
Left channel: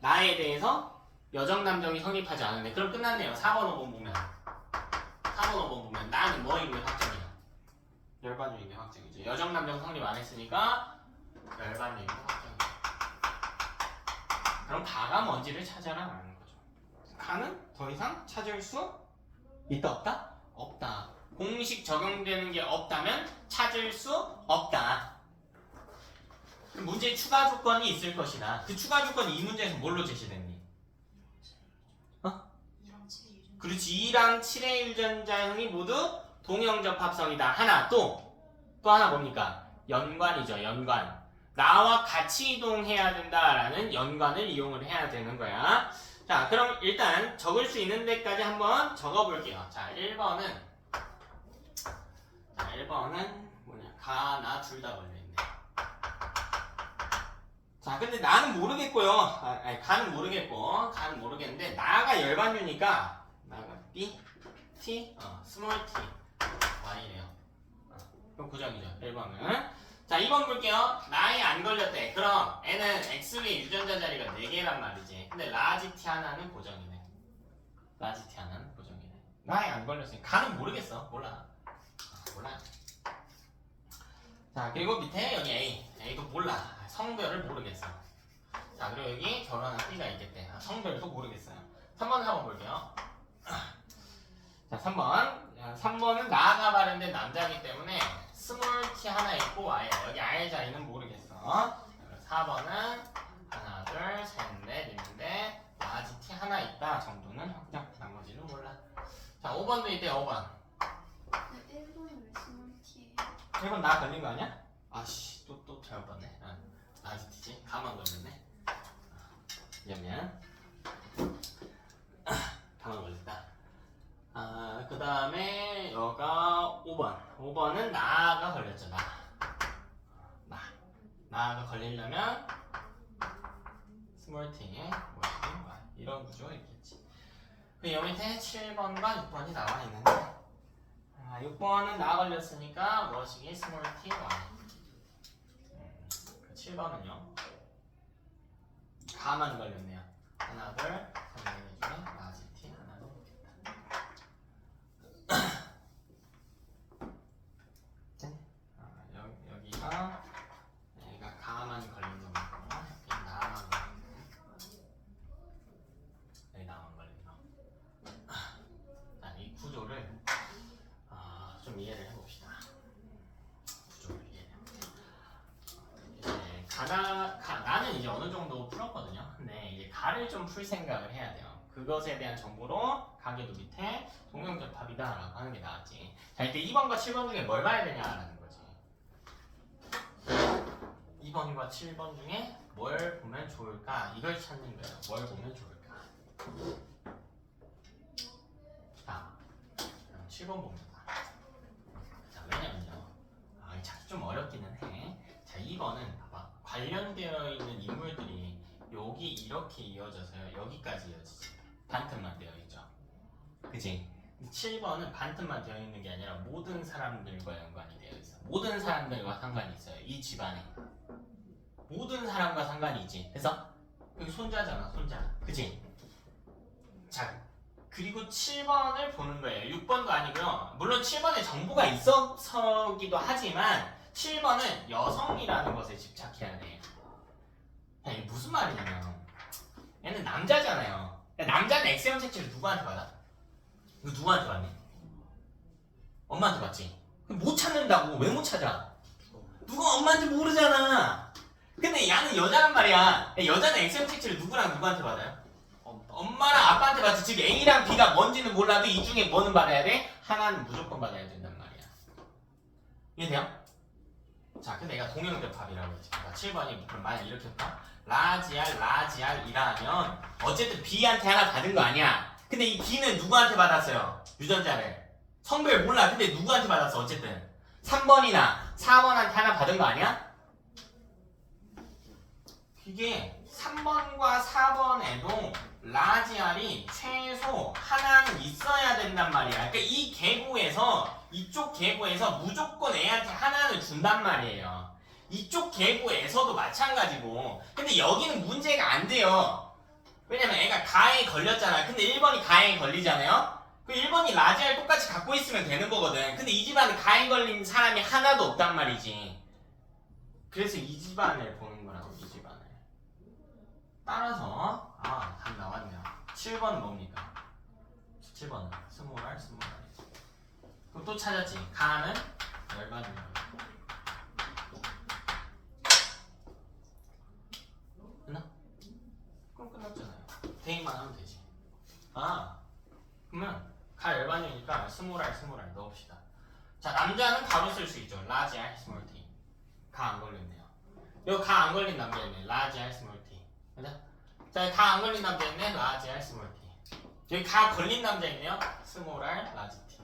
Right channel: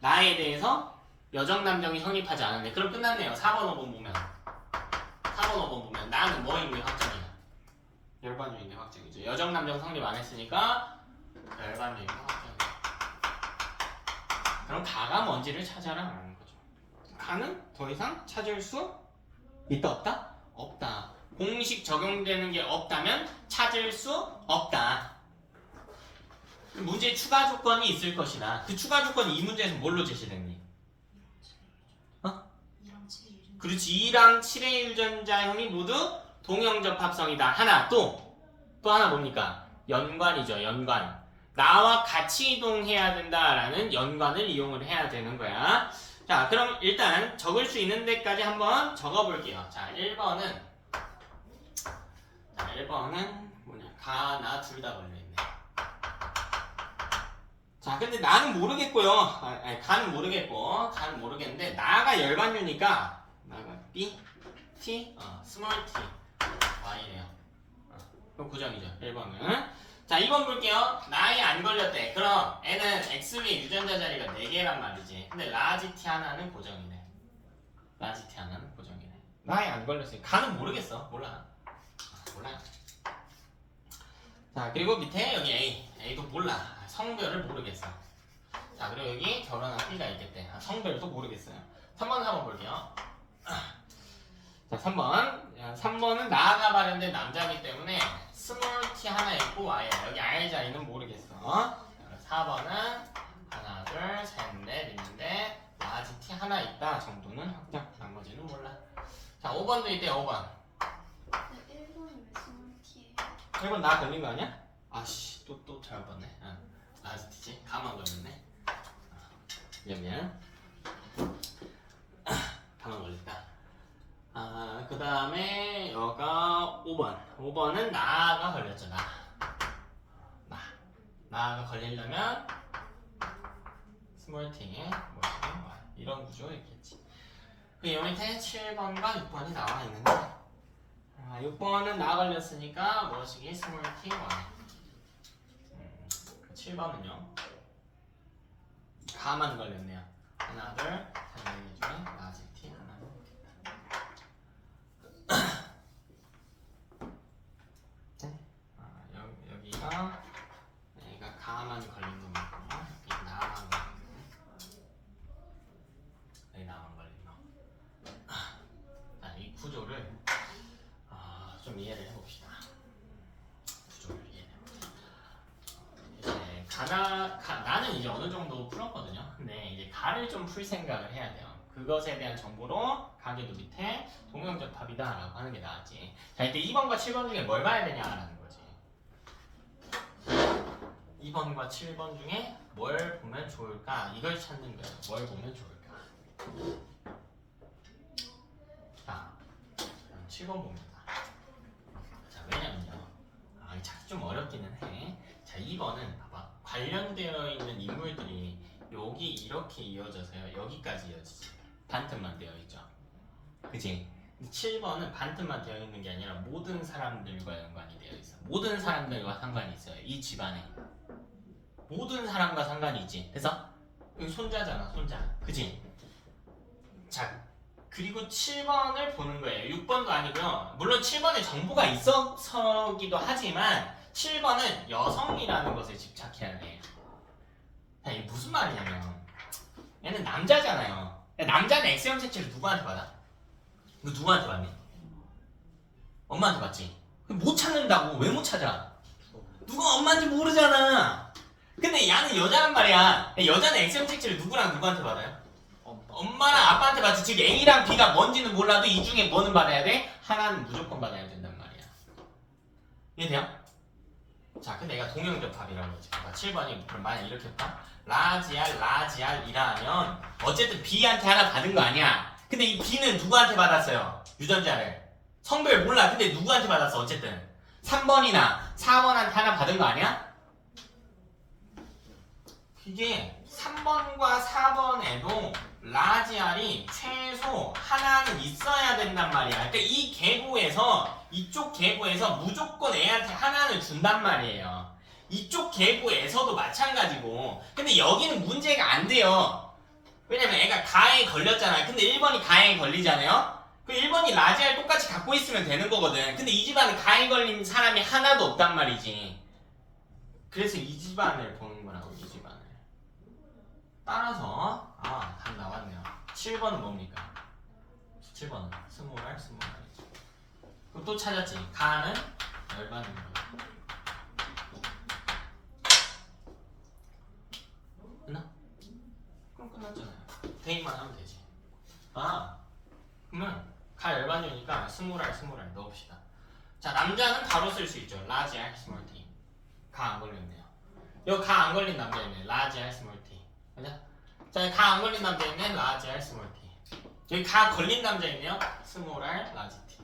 나에 대해서 여정남정이 성립하지 않은데 그럼 끝났네요. 4번, 5번 보면 4번, 5번 보면 나는 뭐인 게 확정이야? 열반유인 게 확정이죠. 여정남정 성립 안 했으니까 열반유인 게 확정이야. 그럼 가가 뭔지를 찾아라 라는 거죠. 가는 더 이상 찾을 수 있다 없다? 없다. 공식 적용되는 게 없다면 찾을 수 없다. 문제에 추가 조건이 있을 것이다. 그 추가 조건이 이 문제에서 뭘로 제시됐니? 2랑 7의 유전. 그렇지. 2랑 7의 유전자형이 모두 동형접합성이다. 하나 또 하나 뭡니까? 연관이죠. 연관. 나와 같이 이동해야 된다라는 연관을 이용을 해야 되는 거야. 자 그럼 일단 적을 수 있는 데까지 한번 적어볼게요. 자 1번은 뭐냐? 가, 나 둘 다 걸려있네. 자 근데 나는 모르겠고요. 가는 모르겠는데 나가 열반유니까 나가 B, T, 스몰 T, Y래요. 그럼 고정이죠. 1번은. 자 2번 볼게요. 나에 안 걸렸대. 그럼 N은 XB 유전자 자리가 4개란 말이지. 근데 라지 T 하나는 고정이네. 라지 T 하나는 고정이네. 나에 안 걸렸으니 가는 모르겠어. 몰라. 자 그리고 밑에 여기 A도 몰라. 성별을 모르겠어. 자 그리고 여기 결혼한 B가 있겠대. 성별도 모르겠어요. 3번 4번 볼게요. 자 3번은 나가 발현된 남자이기 때문에 스몰 t 하나 있고 Y예요. 여기 I 자리는 모르겠어. 4번은 하나 둘 셋 넷 있는데 라지 t 하나 있다 정도는 확정. 나머지는 몰라. 자 5번도 있대요. 5번. 근데 1번이 왜 스몰 T예요? 1번 나 걸린 거 아니야? 아씨 또 잘못 봤네. 라지 t지? 가만 걸렸네. 미안. 가만 걸렸다. 그 다음에 여가 5번은 나가 걸렸죠. 나가 걸리려면 스몰 t에 뭐야? 이런 구조였겠지. 그 여기 밑에 7번과 6번이 나와 있는데 6번은 나 걸렸으니까 무엇이기? 스몰 t 1. 7번은요. 가만 걸렸네요. 하나, 둘, 3, 4개 중에 라지 t 하나는 모르겠다. 여기가 가만 걸린 놈이고 여기 나만 걸린 놈. 여기 나만 걸린 놈. 자, 이 구조를 좀 이해를 해봅시다. 구조를 이해해봅시다. 이제 나는 이제 어느 정도 풀었거든요. 근데 이제 가를 좀 풀 생각을 해야 돼요. 그것에 대한 정보로 가계도 밑에 동형접합이다라고 하는 게 나았지. 자, 이때 2번과 7번 중에 뭘 봐야 되냐라는 거지. 2번과 7번 중에 뭘 보면 좋을까? 이걸 찾는 거예요. 뭘 보면 좋을까? 자, 7번 봅니다. 자, 왜냐면요. 이 찾기 좀 어렵기는 해. 자, 2번은 봐봐. 관련되어 있는 인물들이 여기 이렇게 이어져서요. 여기까지 이어지지. 반틈만 되어 있죠. 그치? 7번은 반틈만 되어 있는 게 아니라 모든 사람들과 연관이 되어 있어. 모든 사람들과 상관이 있어요. 이 집안에. 모든 사람과 상관이 있지. 그래서 여기 손자잖아, 손자. 그치? 자, 그리고 7번을 보는 거예요. 6번도 아니고요. 물론 7번에 정보가 있어서기도 하지만 7번은 여성이라는 것에 집착해야 돼. 이게 무슨 말이냐면 얘는 남자잖아요. 남자는 X형 색채를 누구한테 받아? 이거 누구한테 받니? 엄마한테 받지? 못 찾는다고. 왜 못 찾아? 누가 엄마인지 모르잖아. 근데 얘는 여자란 말이야. 여자는 X형 색채를 누구한테 받아요? 엄마랑 아빠한테 받지. 즉 A랑 B가 뭔지는 몰라도 이 중에 뭐는 받아야 돼? 하나는 무조건 받아야 된단 말이야. 이해돼요? 자, 근데 내가 동형접합이라고 했지. 7번이 그럼 만약 이렇게 할까? 라지알이라면 어쨌든 B한테 하나 받은 거 아니야. 근데 이 B는 누구한테 받았어요? 유전자를. 성별 몰라. 근데 누구한테 받았어? 어쨌든 3번이나 4번한테 하나 받은 거 아니야? 이게 3번과 4번에도 라지알이 최소 하나는 있어야 된단 말이야. 그러니까 이 계부에서 이쪽 계부에서 무조건 애한테 하나는 준단 말이에요. 이쪽 계부에서도 마찬가지고. 근데 여기는 문제가 안 돼요. 왜냐면 애가 가에 걸렸잖아요. 근데 1번이 가에 걸리잖아요. 그 1번이 라지알 똑같이 갖고 있으면 되는 거거든. 근데 이 집안은 가에 걸린 사람이 하나도 없단 말이지. 그래서 이 집안을 보는 거라고. 이 집안을. 따라서 답 나왔네요. 7번은 뭡니까? 7번은 스몰알. 그럼 또 찾았지. 가는 열반인 거예요. 끝나? 그럼 끝났잖아요. 대입만 하면 되지. 그러면 가 열반이니까 스몰알 넣읍시다. 자, 남자는 바로 쓸 수 있죠. 라지알 스몰 t. 가 안 걸렸네요. 여기 가 안 걸린 남자있네. 라지알 스몰 t. 맞아? 자, 가 안 걸린 남자있네. 라지알 스몰 t. 여기 가 걸린 남자있네요. 스몰알 라지 t.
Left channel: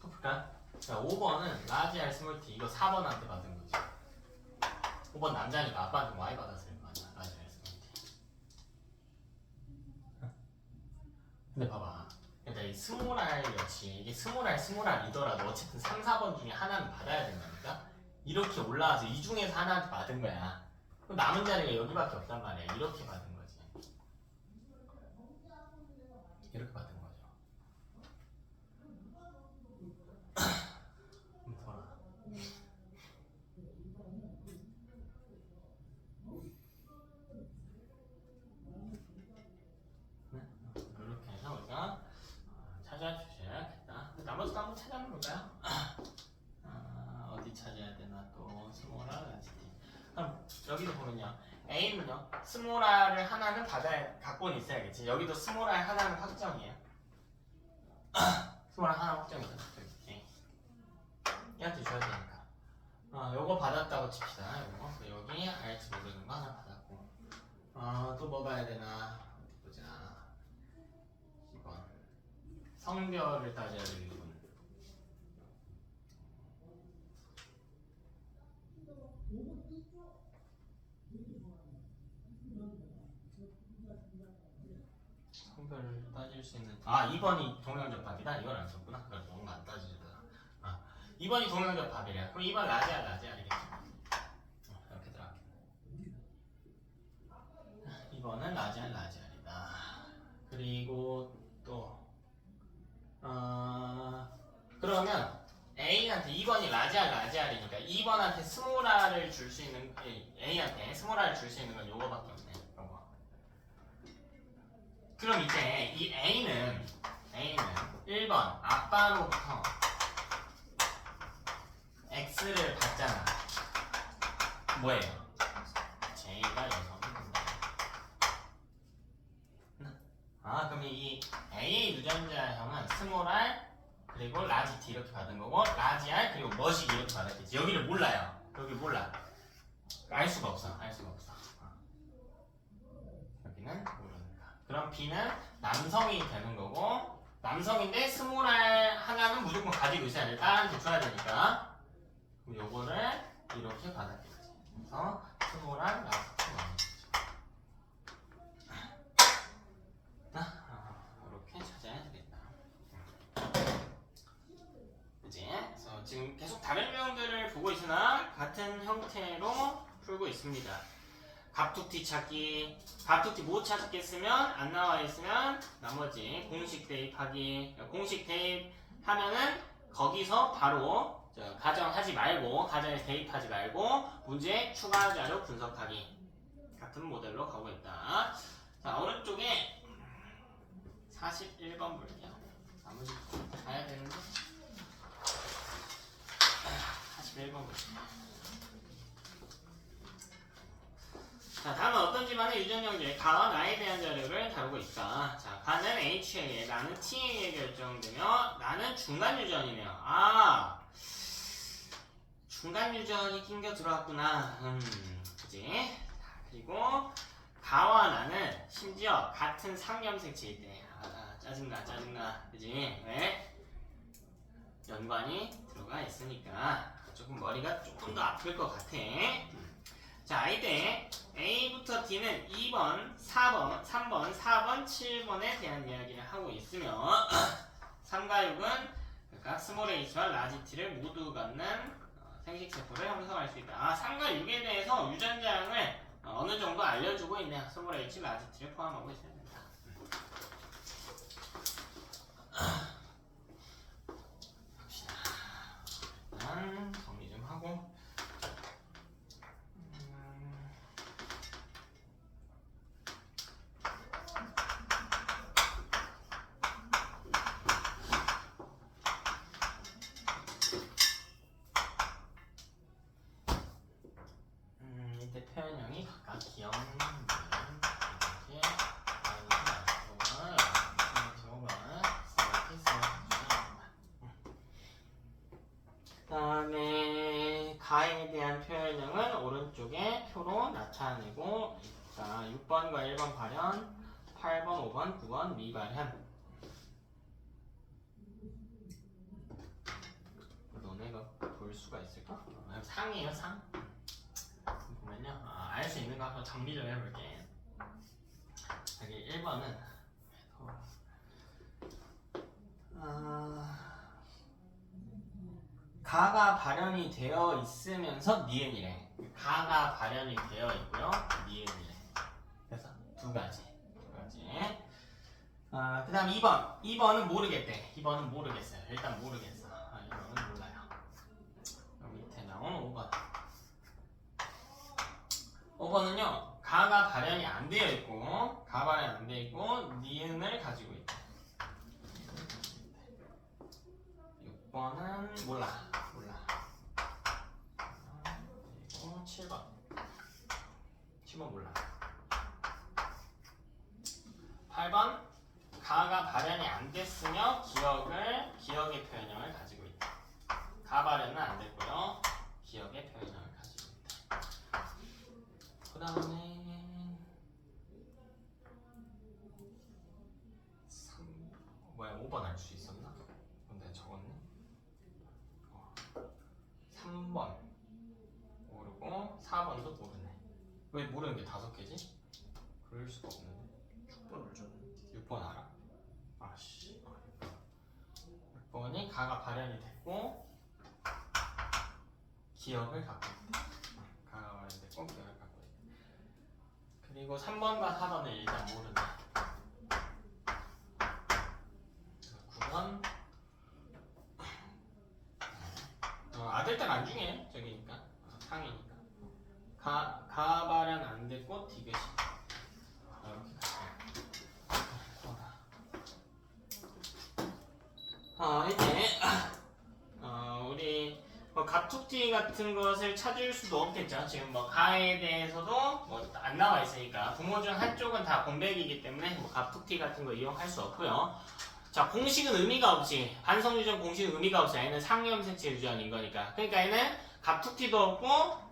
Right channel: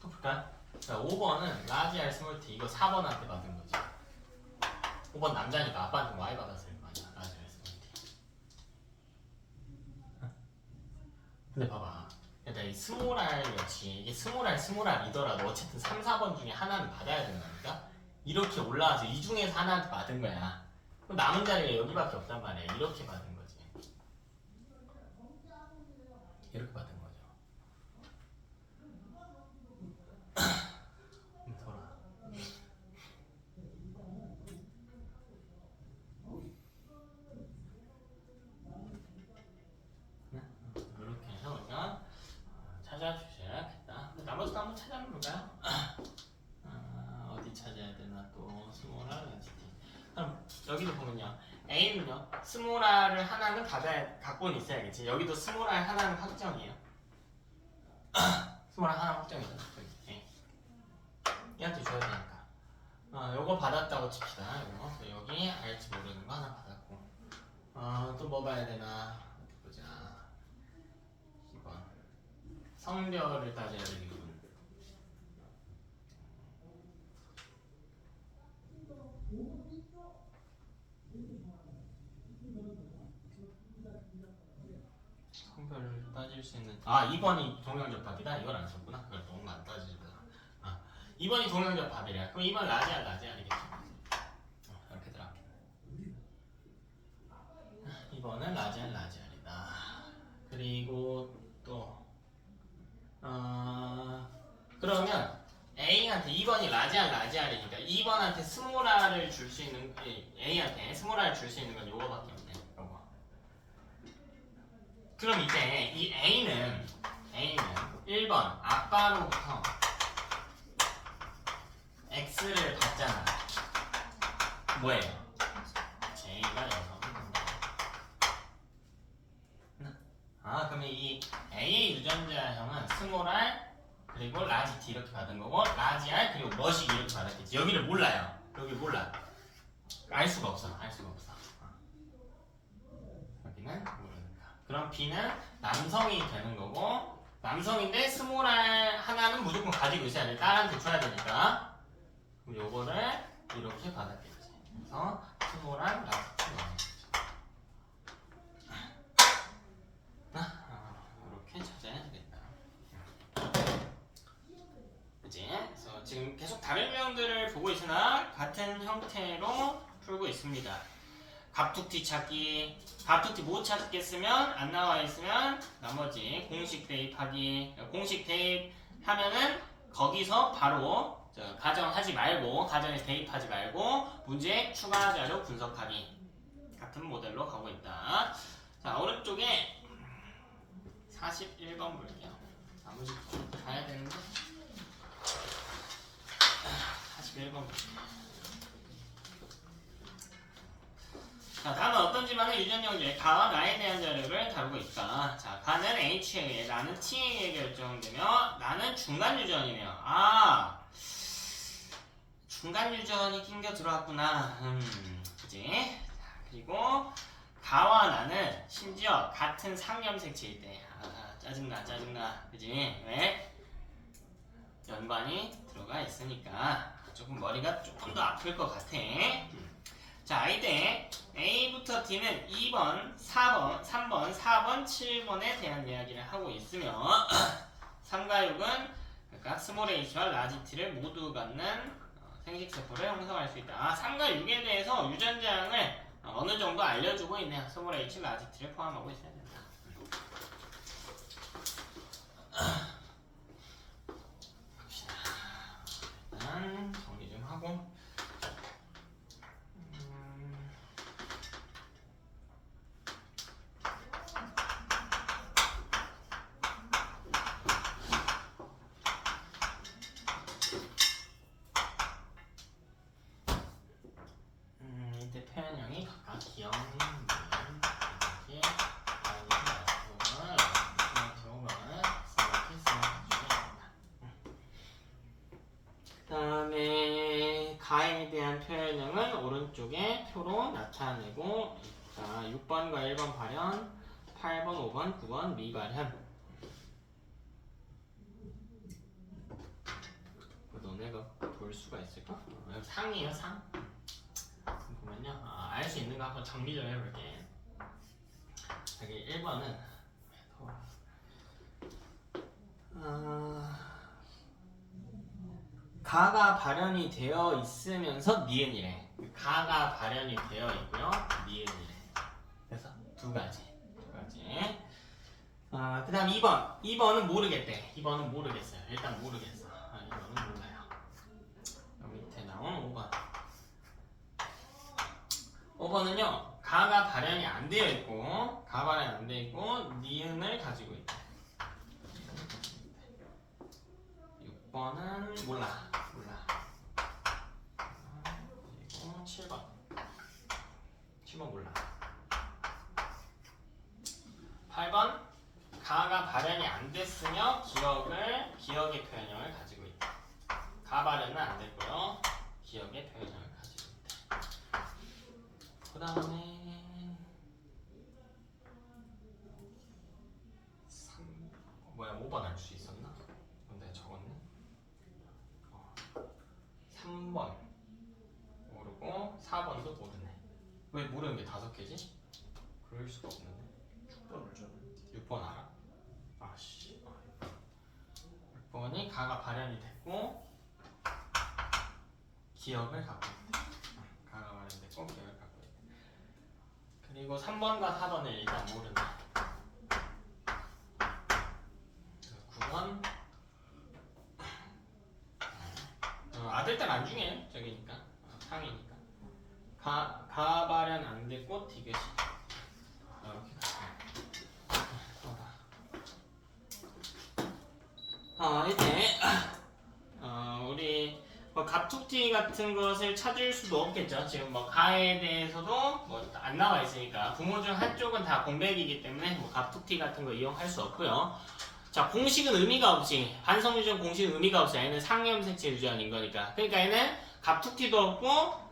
또 볼까? 자, 5번은 라지알 스몰 t. 이거 4번한테 받은 거지. 5번 남자니까 아빠한테 Y 받았을 거 아니야. 라지알 스몰 t. 근데 봐봐. 그러니까 이 스몰알 역시 이게 스몰알이더라도 어쨌든 3, 4번 중에 하나는 받아야 된다니까? 이렇게 올라와서 이 중에서 하나한테 받은 거야. 그럼 남은 자리가 여기밖에 없단 말이야. 이렇게 받은 거지. 이렇게 받은 거죠. 돌아. 이렇게 해서 우리가 찾아주셔야겠다. 나머지도 한번 찾아볼까요? 어디 찾아야 되나 또 스몰알 라지 t. 그럼 여기도 보면요. A는요. 스몰알을 하나는 갖고는 있어야겠지. 여기도 스몰알 하나는 확정이에요. 스몰알 하나 확정이죠. A. 얘한테 줘야 되니까. 요거 받았다고 칩시다. 요거 여기 알지 모르는 거 하나 받았고. 또 뭐 봐야 되나 보자. 2번 성별을 따져야 되겠군. 성별을 따질 수 있는 2번이 동형접합이다. 이걸 안 썼구나. 그걸 너무 안 따지다. 2번이 동형접합이래. 그럼 2번 라지알 라지알이겠지. 이렇게 들어가. 2번은 라지알 라지알이다. 그리고 또 그러면 A한테 2번이 라지알 라지알이니까 2번한테 스몰R을 줄 수 있는 A한테 스몰R을 줄 수 있는 건 요거밖에 없네. 요거. 그럼 이제 이 A는 1번 아빠로부터 X를 받잖아. 뭐예요? J가 여성입니다. 그러면 이 A 유전자형은 스몰 r 그리고 라지 T 이렇게 받은 거고 라지 R 그리고 머시 이렇게 받았겠지. 여기를 몰라요. 여기 몰라. 알 수가 없어. 여기는 모르니까. 그럼 B는 남성이 되는 거고 남성인데 스몰 r 하나는 무조건 가지고 있어야 돼. 딸한테 줘야 되니까. 그럼 요거를 이렇게 받았겠지. 그래서 스몰 r 라지 T 이렇게 찾아야 되겠다. 그치? 그래서 지금 계속 다른 유형들을 보고 있으나 같은 형태로 풀고 있습니다. 갑툭튀 찾기, 갑툭튀 못 찾겠으면 안 나와 있으면 나머지 공식 대입하기, 공식 대입하면은 거기서 바로 가정하지 말고 가정에 대입하지 말고 문제 추가 자료 분석하기 같은 모델로 가고 있다. 자 오른쪽에 41번 볼게요. 나머지 좀 가야 되는데 41번 볼게요. 자 다음은 어떤 집안의 유전력 중에 가와 나에 대한 자료를 다루고 있다. 자 가는 H에 의해 나는 T에 의해 결정되며 나는 중간 유전이네요. 중간 유전이 낑겨 들어왔구나. 그지? 그리고 가와 나는 심지어 같은 상염색체일 때 짜증나 그지? 왜? 연관이 들어가 있으니까 조금 머리가 조금 더 아플 것 같아. 자 이때 A부터 D는 2번, 4번, 3번, 4번, 7번에 대한 이야기를 하고 있으며 3과 6은 그러니까 스몰 h와 라지 t를 모두 갖는 생식세포를 형성할 수 있다. 3과 6에 대해서 유전자형을 어느 정도 알려주고 있네요. 스몰 h, 라지 t를 포함하고 있어야 된다. 봅시다. 일단 정리 좀 하고 이때 표현형이 각각 기억 그다음에 가에 대한 표현형은 오른쪽에 표로 나타내고 있다. 6번과 1번 발현, 8번, 5번, 9번 미발현. 너네가 볼 수가 있을까? 상이에요, 상. 보면요, 알 수 있는 거 한번 정리 좀 해볼게. 여기 1번은 가가 발현이 되어 있으면서 니은이래. 가가 발현이 되어 있고요, 니은이래. 그래서 두 가지. 그 다음 2번. 2번은 모르겠대. 2번은 모르겠어요. 일단 모르겠어. 2번은 몰라요. 밑에 나온 5번. 5번은요, 가가 발현이 안 되어 있고, 가 발현이 안 되어 있고, 니은을 가지고 있다. 6번은 몰라. 그리고 7번. 7번 몰라. 8번. 가가 발현이 안 됐으며 기억의 표현형을 가지고 있다. 가 발현은 안 됐고요. 기억의 표현형을 가지고 있다. 그 다음에 가가 발현이 됐고 기억을 갖고 있대. 가가 발현됐고 기억을 갖고 있대. 그리고 3번과 4번을 일단 모르네. 9번 아들딸 안 중에 저기니까 상이니까 가 발현 안 됐고 디귿이 이렇게 이제 우리 갑툭튀 같은 것을 찾을 수도 없겠죠. 지금 뭐 가에 대해서도 뭐 안 나와 있으니까 부모 중 한쪽은 다 공백이기 때문에 뭐 갑툭튀 같은 거 이용할 수 없고요. 자, 공식은 의미가 없지. 반성유전 공식은 의미가 없어요. 얘는 상염색체 유전인 거니까. 그러니까 얘는 갑툭튀도 없고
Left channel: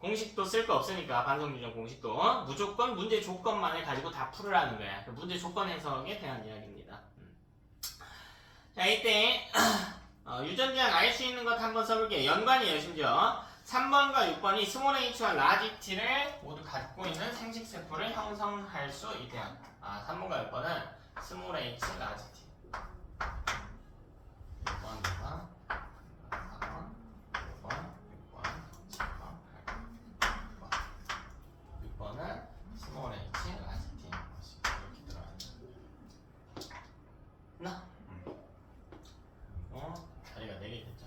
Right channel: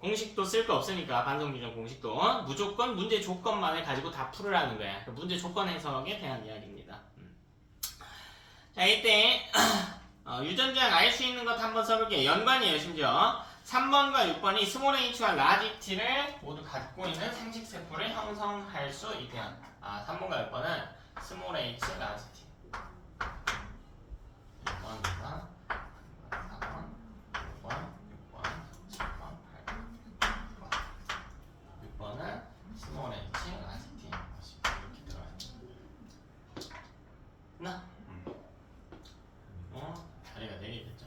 공식도 쓸 거 없으니까 반성유전 공식도 무조건 문제 조건만을 가지고 다 풀으라는 거야. 문제 조건 해석에 대한 이야기입니다. 자, 이때 유전자를 알 수 있는 것 한번 써볼게요. 연관이에요. 심지어 3번과 6번이 스몰 h와 라지 t를 모두 갖고 있는 생식세포를 형성할 수 있대요. 3번과 6번은 스몰 h, 라지 t 6번, 2번, 4번, 5번, 6번, 7번, 8번, 9번 6번은 스몰 h, 라지 t 이렇게 들어가 있죠. 나? 자리가 4개 됐죠.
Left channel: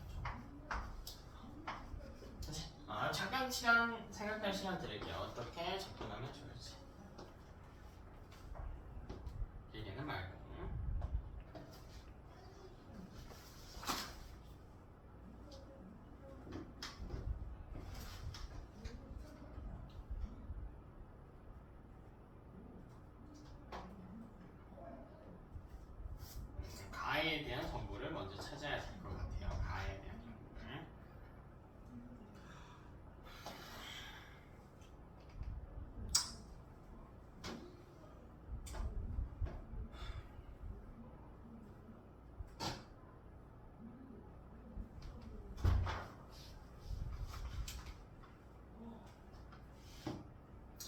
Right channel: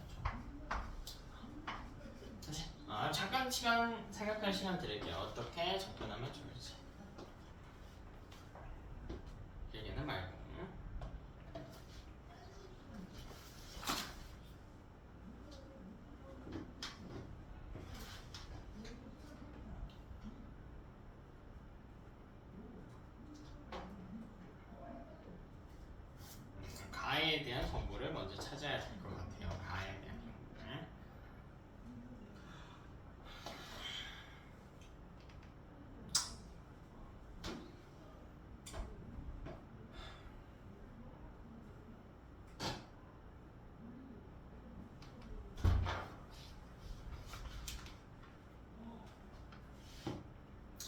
잠깐 시간 생각할 시간 드릴게요. 어떻게 접근하면 좋을지. 길게는 말고. 가에 대한 정보를 먼저 찾아야 될 것 같아요. 가에 대한 정보를.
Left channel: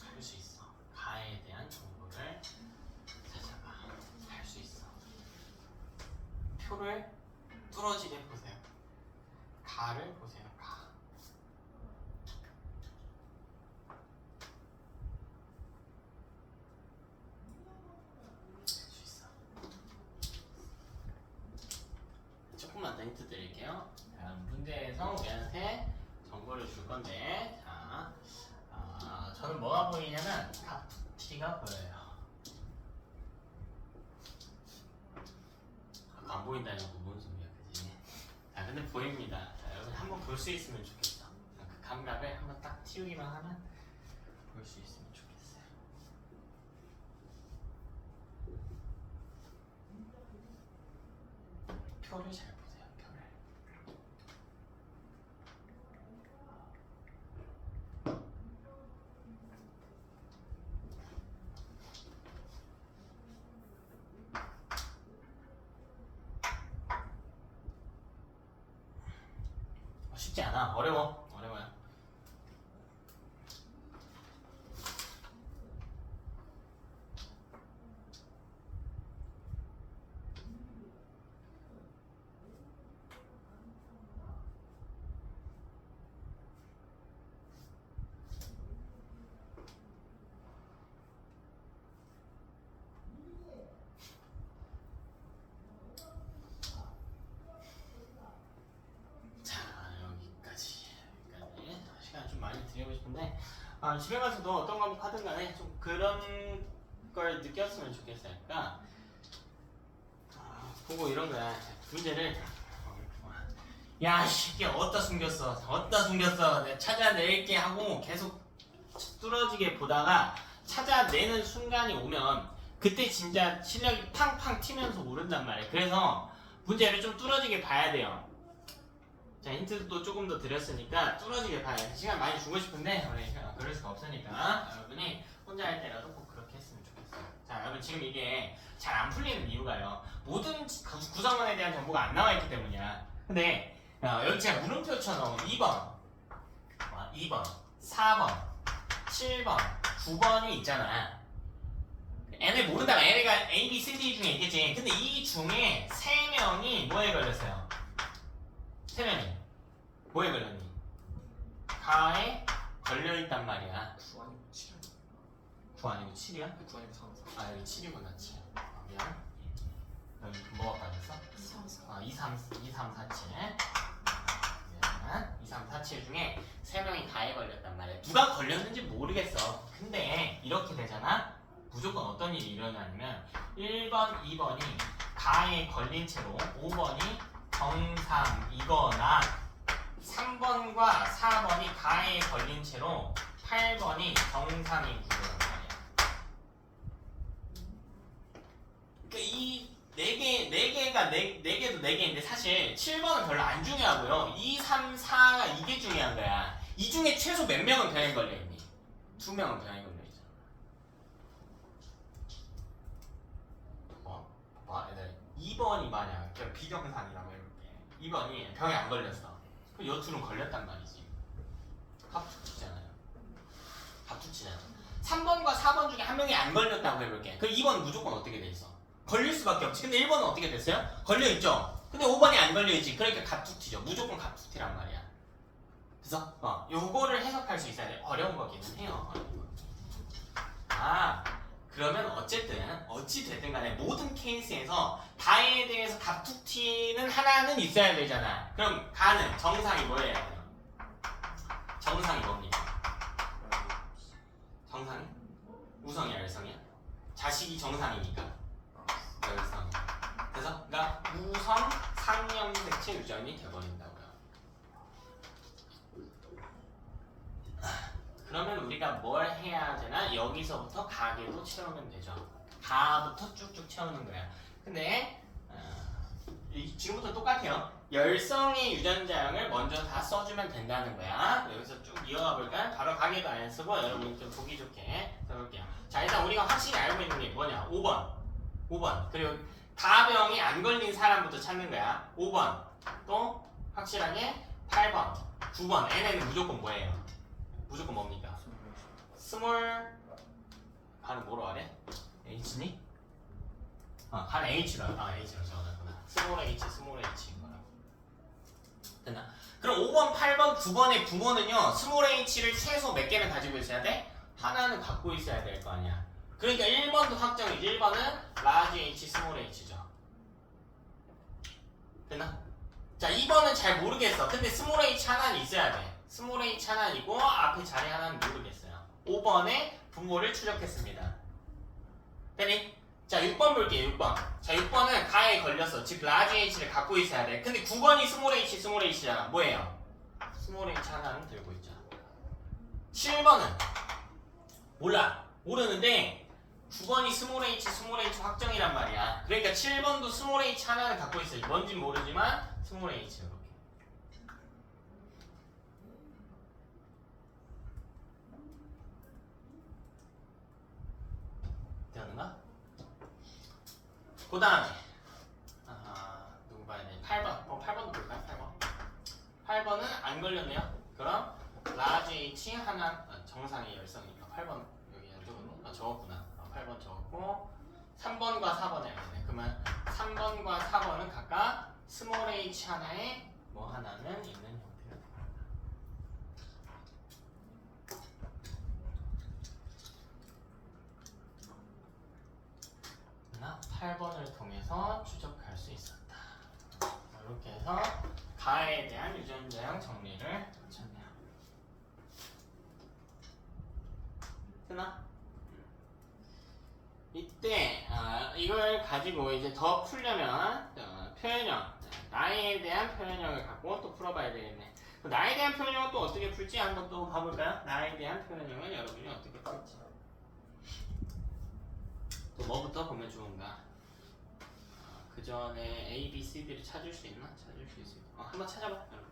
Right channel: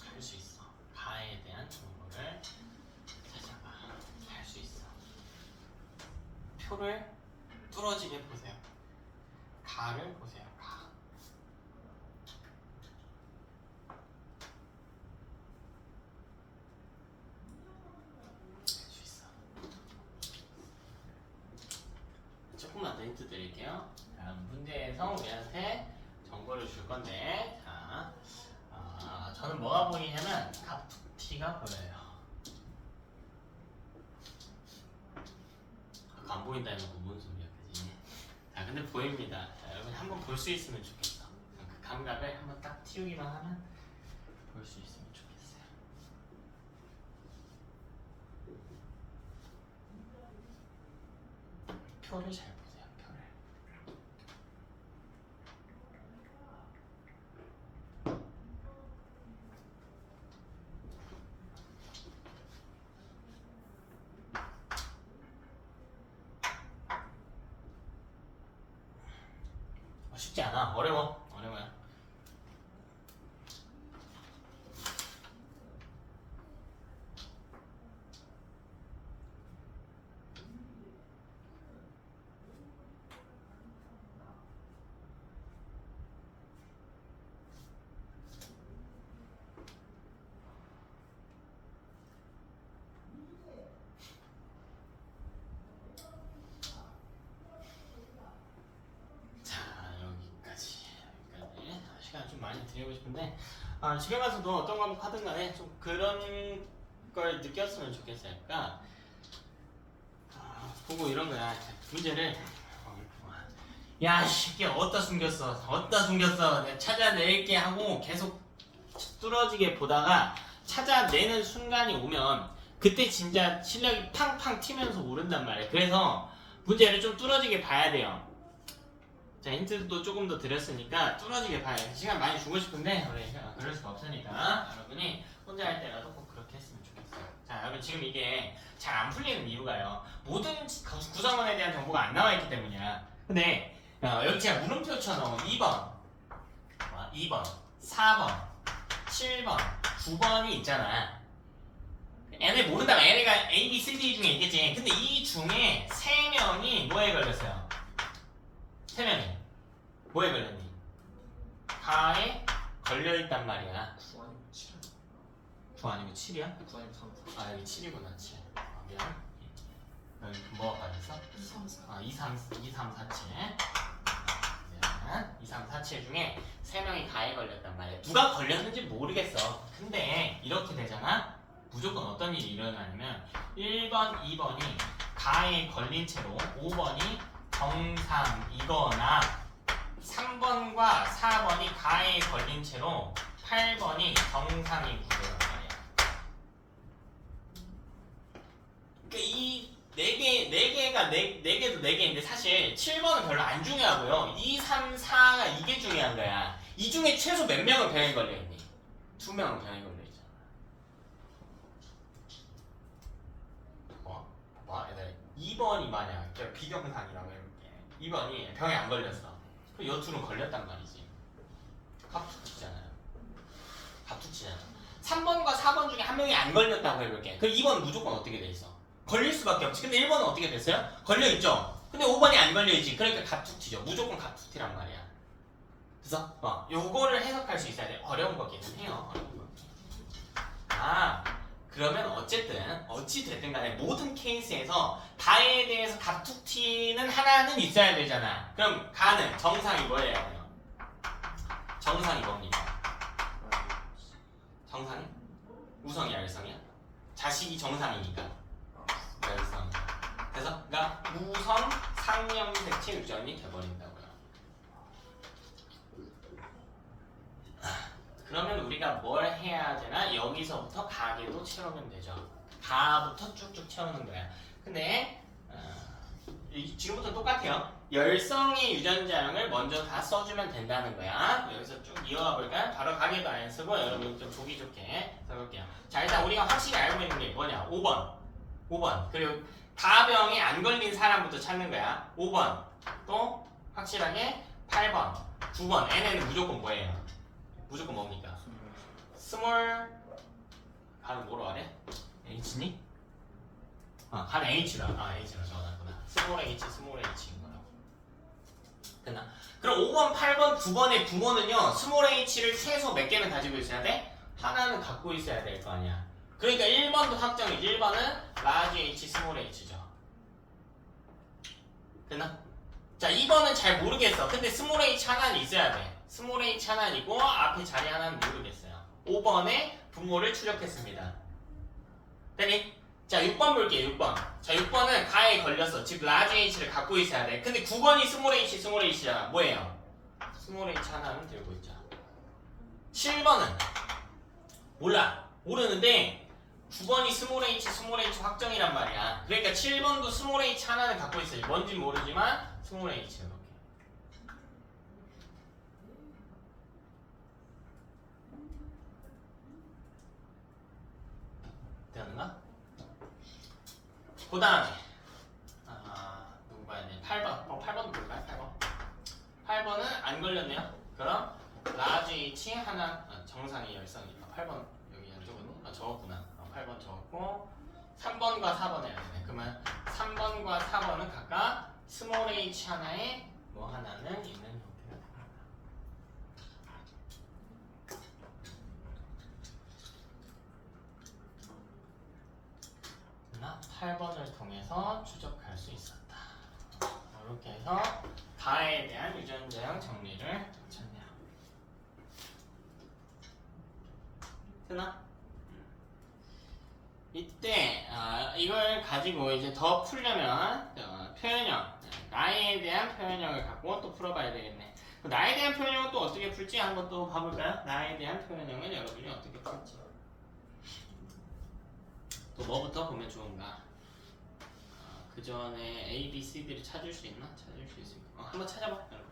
할 수 있어. 가에 대한 정보를 찾아봐. 할 수 있어. 표를 뚫어지게 보세요. 가를 보세요. 가. 할 수 있어. 조금만 더 힌트 드릴게요. 문제에서 우리한테 정보를 줄 건데, 자, 저는 뭐가 보이냐면 갑툭튀가 보여요. 안 보인다는 건 뭔 소리야, 그지? 자, 근데 보입니다. 자, 여러분 한번 볼 수 있으면 좋겠어. 그 감각을 한번 딱 틔우기만 하면 볼 수 있으면 좋겠어요. 표를 잘 보세요, 표를. 쉽지 않아. 어려워요. 자, 여기까지 시간 좀 많이 드리고 싶은데 집에 가서도 어떤 과목 하든 간에 좀 그런 걸 느꼈으면 좋겠어요. 그러니까 보고 이런 거야. 문제를 야, 이게 어디다 숨겼어 내가 찾아낼게 하고 계속 뚫어지게 보다가 찾아내는 순간이 오면 그때 진짜 실력이 팡팡 튀면서 오른단 말이에요. 그래서 문제를 좀 뚫어지게 봐야 돼요. 자, 힌트도 조금 더 드렸으니까 뚫어지게 봐야 돼. 시간 많이 주고 싶은데 그럴 수가 없으니까 여러분이 혼자 할 때라도 꼭 그렇게 했으면 좋겠어요. 자, 여러분 지금 이게 잘 안 풀리는 이유가요. 모든 구성원에 대한 정보가 안 나와 있기 때문이야. 근데 여기 제가 물음표처럼 2번, 4번, 7번, 9번이 있잖아. 얘네 모른다면 얘네가 A, B, C, D 중에 있겠지. 근데 이 중에 3명이 뭐에 걸렸어요? 3명이 뭐에 걸렸니? 가에 걸려있단 말이야. 9 아니면 7 아니야? 9 아니고 7이야? 9 아니면 3 4 아 여기 7이구나 7. 미안. 여기 뭐가 빠졌어? 2, 3, 4. 아 2, 3, 4, 7. 미안. 2, 3, 4, 7 중에 3명이 가에 걸렸단 말이야. 누가 걸렸는지 모르겠어. 근데 이렇게 되잖아? 무조건 어떤 일이 일어나냐면 1번, 2번이 가에 걸린 채로 5번이 정상이거나 3번과 4번이 가에 걸린 채로 8번이 정상이 구조란 말이야. 그러니까 이 4개도 4개인데 사실 7번은 별로 안 중요하고요. 2, 3, 4가 이게 중요한 거야. 이 중에 최소 몇 명은 병에 걸려있니? 2명은 병에 걸려있잖아. 얘들 2번이 만약 비경상이라고 해볼게. 2번이 병에 안 걸렸어. 그럼 요 둘은 걸렸단 말이지. 갑툭치잖아요. 갑툭치잖아. 3번과 4번 중에 한 명이 안 걸렸다고 해볼게. 그 2번은 무조건 어떻게 돼 있어? 걸릴 수밖에 없지. 근데 1번은 어떻게 됐어요? 걸려있죠? 근데 5번이 안 걸려있지. 그러니까 갑툭튀죠. 무조건 갑툭튀란 말이야. 그래서 요거를 해석할 수 있어야 돼. 어려운 거기는 해요. 그러면 어찌 됐든 간에 모든 케이스에서 가에 대해서 갑툭튀는 하나는 있어야 되잖아. 그럼 가는 정상이 뭐예요? 정상이 뭡니까? 정상이? 우성이야, 열성이야? 자식이 정상이니까. 열성. 그래서 그러니까 우성 상염색체 유전이 돼버린다고요. 그러면 우리가 뭘 해야 되나? 여기서부터 가계도 채우면 되죠. 가부터 쭉쭉 채우는 거야. 근데 지금부터 똑같아요. 열성의 유전자형을 먼저 다 써주면 된다는 거야. 여기서 쭉 이어가 볼까요? 바로 가계도 안 쓰고 여러분 좀 보기 좋게 써볼게요. 자, 일단 우리가 확실히 알고 있는 게 뭐냐? 5번. 그리고 다병에 안 걸린 사람부터 찾는 거야. 5번. 또 확실하게 8번, 9번. 얘네는 무조건 뭐예요? 무조건 뭡니까? 스몰 가는 뭐로 하래? H니? 가는 H로 적어놨구나. 스몰 H인 거라고. 됐나? 그럼 5번, 8번, 9번의 부모는요 스몰 H를 최소 몇 개는 가지고 있어야 돼? 하나는 갖고 있어야 될 거 아니야. 그러니까 1번도 확정이지. 1번은 라지 H, 스몰 H죠. 됐나? 자, 2번은 잘 모르겠어. 근데 스몰 H 하나는 있어야 돼. 스몰 H 하나이고 앞에 자리 하나는 모르겠어요. 5번의 분모를 추적했습니다. 됐니? 자, 6번 볼게요. 6번. 자, 6번은 가에 걸렸어. 즉 라지 H를 갖고 있어야 돼. 근데 9번이 스몰 H야. 뭐예요? 스몰 H 하나는 들고 있죠. 7번은 몰라. 모르는데 9번이 스몰 H 확정이란 말이야. 그러니까 7번도 스몰 H 하나는 갖고 있어요. 뭔진 모르지만 스몰 H 이렇게. 되었나? 그 다음에 누구 봐야 돼? 8번. 8번 볼까요? 8번은 안 걸렸네요. 그럼 라지 H 하나 정상의 열성이니까 8번 여기 안 적었니? 적었구나. 8번 적었고 3번과 4번 해야 되네. 그러면 3번과 4번은 각각 스몰 h 하나에 뭐 하나는 있는 형태가 됩니다. 8번을 통해서 추적할 수 있었다. 이렇게 해서 가에 대한 유전자형 정리를 마쳤네요. 되나? 이때 이걸 가지고 이제 더 풀려면 표현형, 나에 대한 표현형을 갖고 또 풀어봐야 되겠네. 나에 대한 표현형은 또 어떻게 풀지 한번 또 봐볼까요? 나에 대한 표현형은 여러분이 어떻게 풀지? 또 뭐부터 보면 좋은가? 그 전에 A, B, C, D를 찾을 수 있나? 찾을 수 있을까? 한번 찾아봐, 여러분.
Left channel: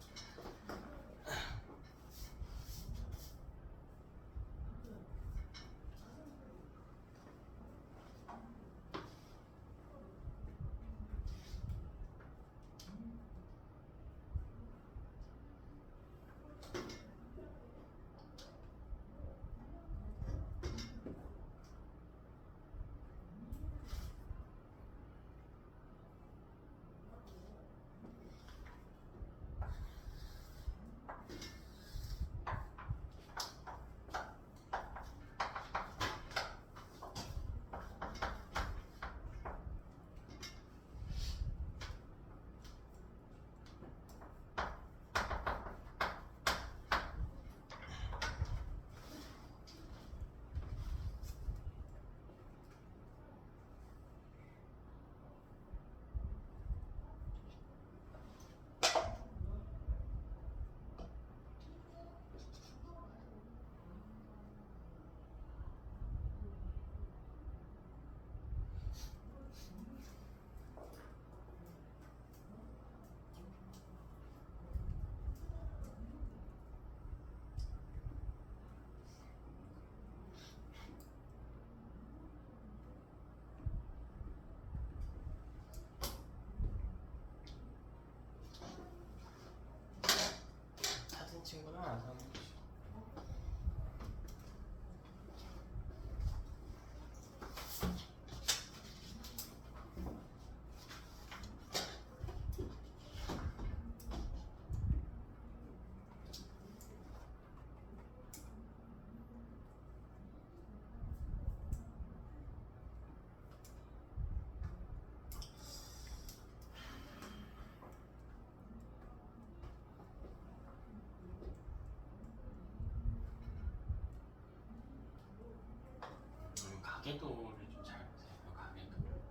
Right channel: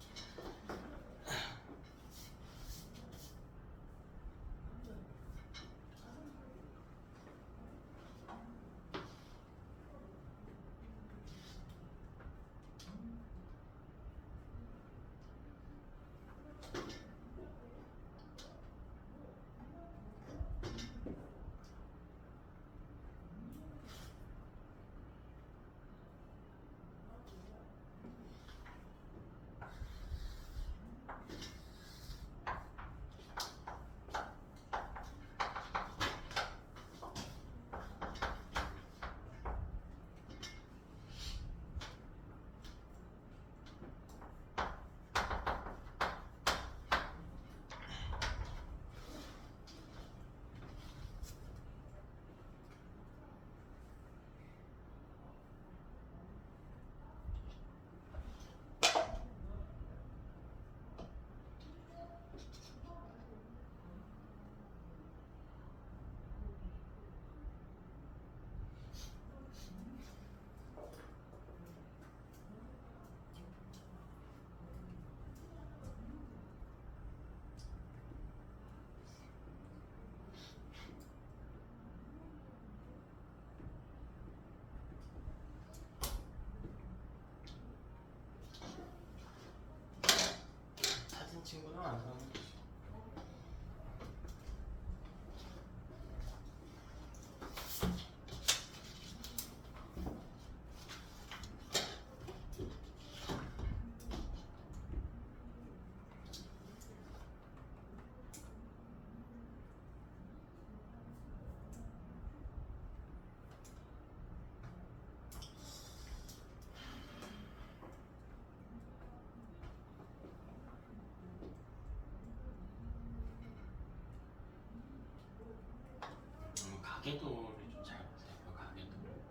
가계도를 좀 잘 보세요. 그 가계도 좀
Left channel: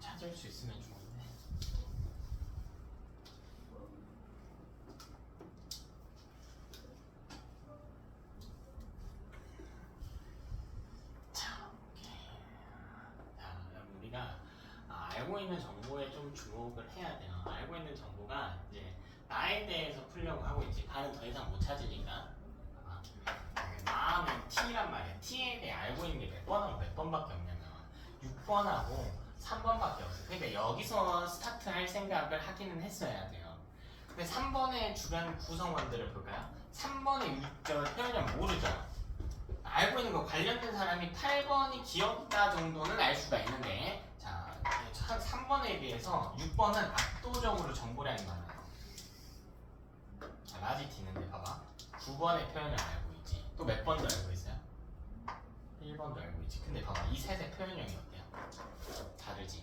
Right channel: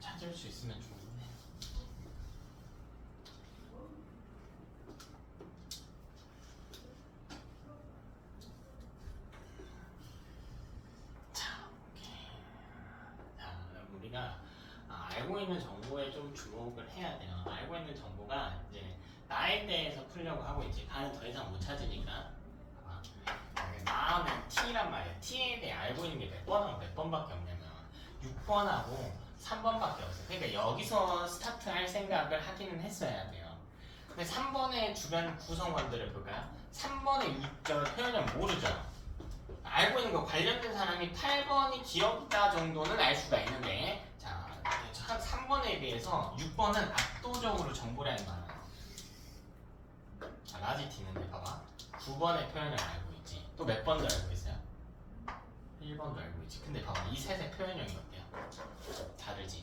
찾을 수 있으면 좋은데. 자, 오케이. 자, 우리가 알고 있는 정보에 좀 주목을 해야 돼요. 알고 있는 정보가 이제 나에 대해서 풀려고 하고 있지. 가는 더 이상 못 찾으니까. 봐봐. 나는 T란 말이야. T에 대해 알고 있는 게 몇 번하고 몇 번밖에 없냐면 6번하고 3번밖에 없어. 그러니까 여기서 스타트할 생각을 하기는 했어야 돼요. 근데 3번의 주변 구성원들을 볼까요? 3번의 표현은 모르죠. 알고 있는 거 관련된 사람이 8번이 귀엽다 정도는 알 수가 있는데, 자, 3번에 비해서 6번은 압도적으로 정보량이 많아요. 자, 라지티 있는데 봐봐. 9번의 표현을 알고 있지. 또 몇 번도 알고 있어요? 1번도 알고 있지. 근데 봐봐. 이 셋의 표현형이 어때요? 다르지?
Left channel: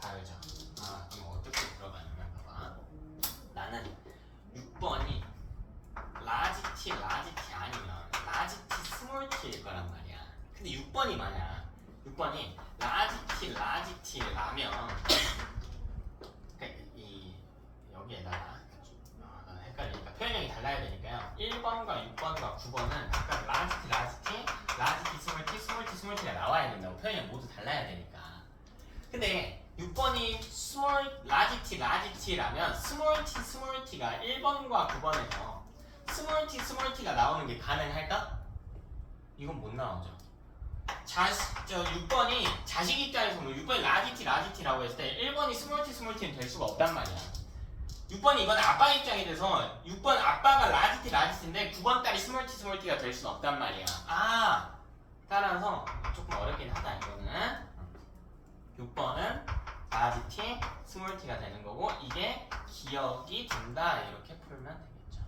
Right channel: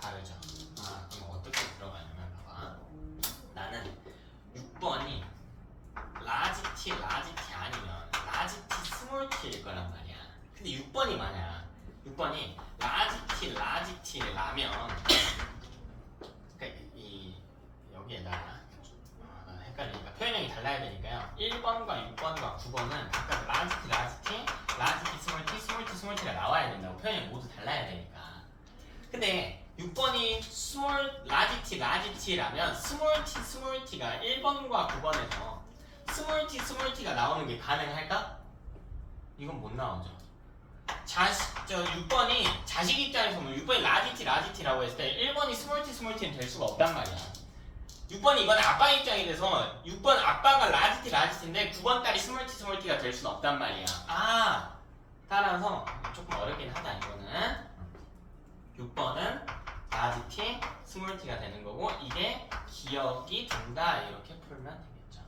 다르죠? 그럼 어떻게 들어가냐면 봐봐. 나는 6번이 라지티 아니면 라지티 스몰티일 거란 말이야. 근데 6번이 뭐냐? 6번이 라지티라면 그러니까 여기에다가 헷갈리니까 표현형이 달라야 되니까요. 1번과 6번과 9번은 각각 라지티, 스몰티가 나와야 된다고. 표현형이 모두 달라야 되니까. 근데 6번이 라지티라면 스몰티가 1번과 9번에서 스몰티가 나오는 게 가능할까? 이건 못 나오죠. 6번이 자식 입장에서 뭐 6번이 라지티라고 했을 때 1번이 스몰티는 될 수가 없단 말이야. 6번이 이건 아빠 입장이 돼서 6번 아빠가 라지티인데 9번 딸이 스몰티가 될 수는 없단 말이야. 따라서 조금 어렵긴 하다 이거는. 6번은 라지티, 스몰티가 되는 거고 이게 기억이 된다 이렇게 풀면 되겠죠.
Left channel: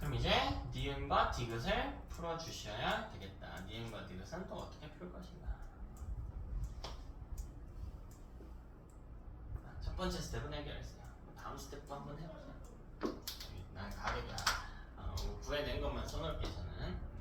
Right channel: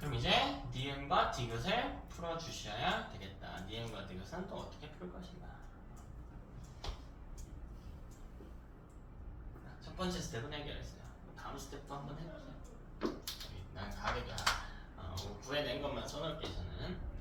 그럼 이제 니은과 디귿을 풀어주셔야 되겠다. 니은과 디귿은 또 어떻게 풀 것인가. 첫 번째 스텝은 해결했어요. 다음 스텝도 한번 해보세요. 난 가계가 구해낸 것만 써놓을게 저는.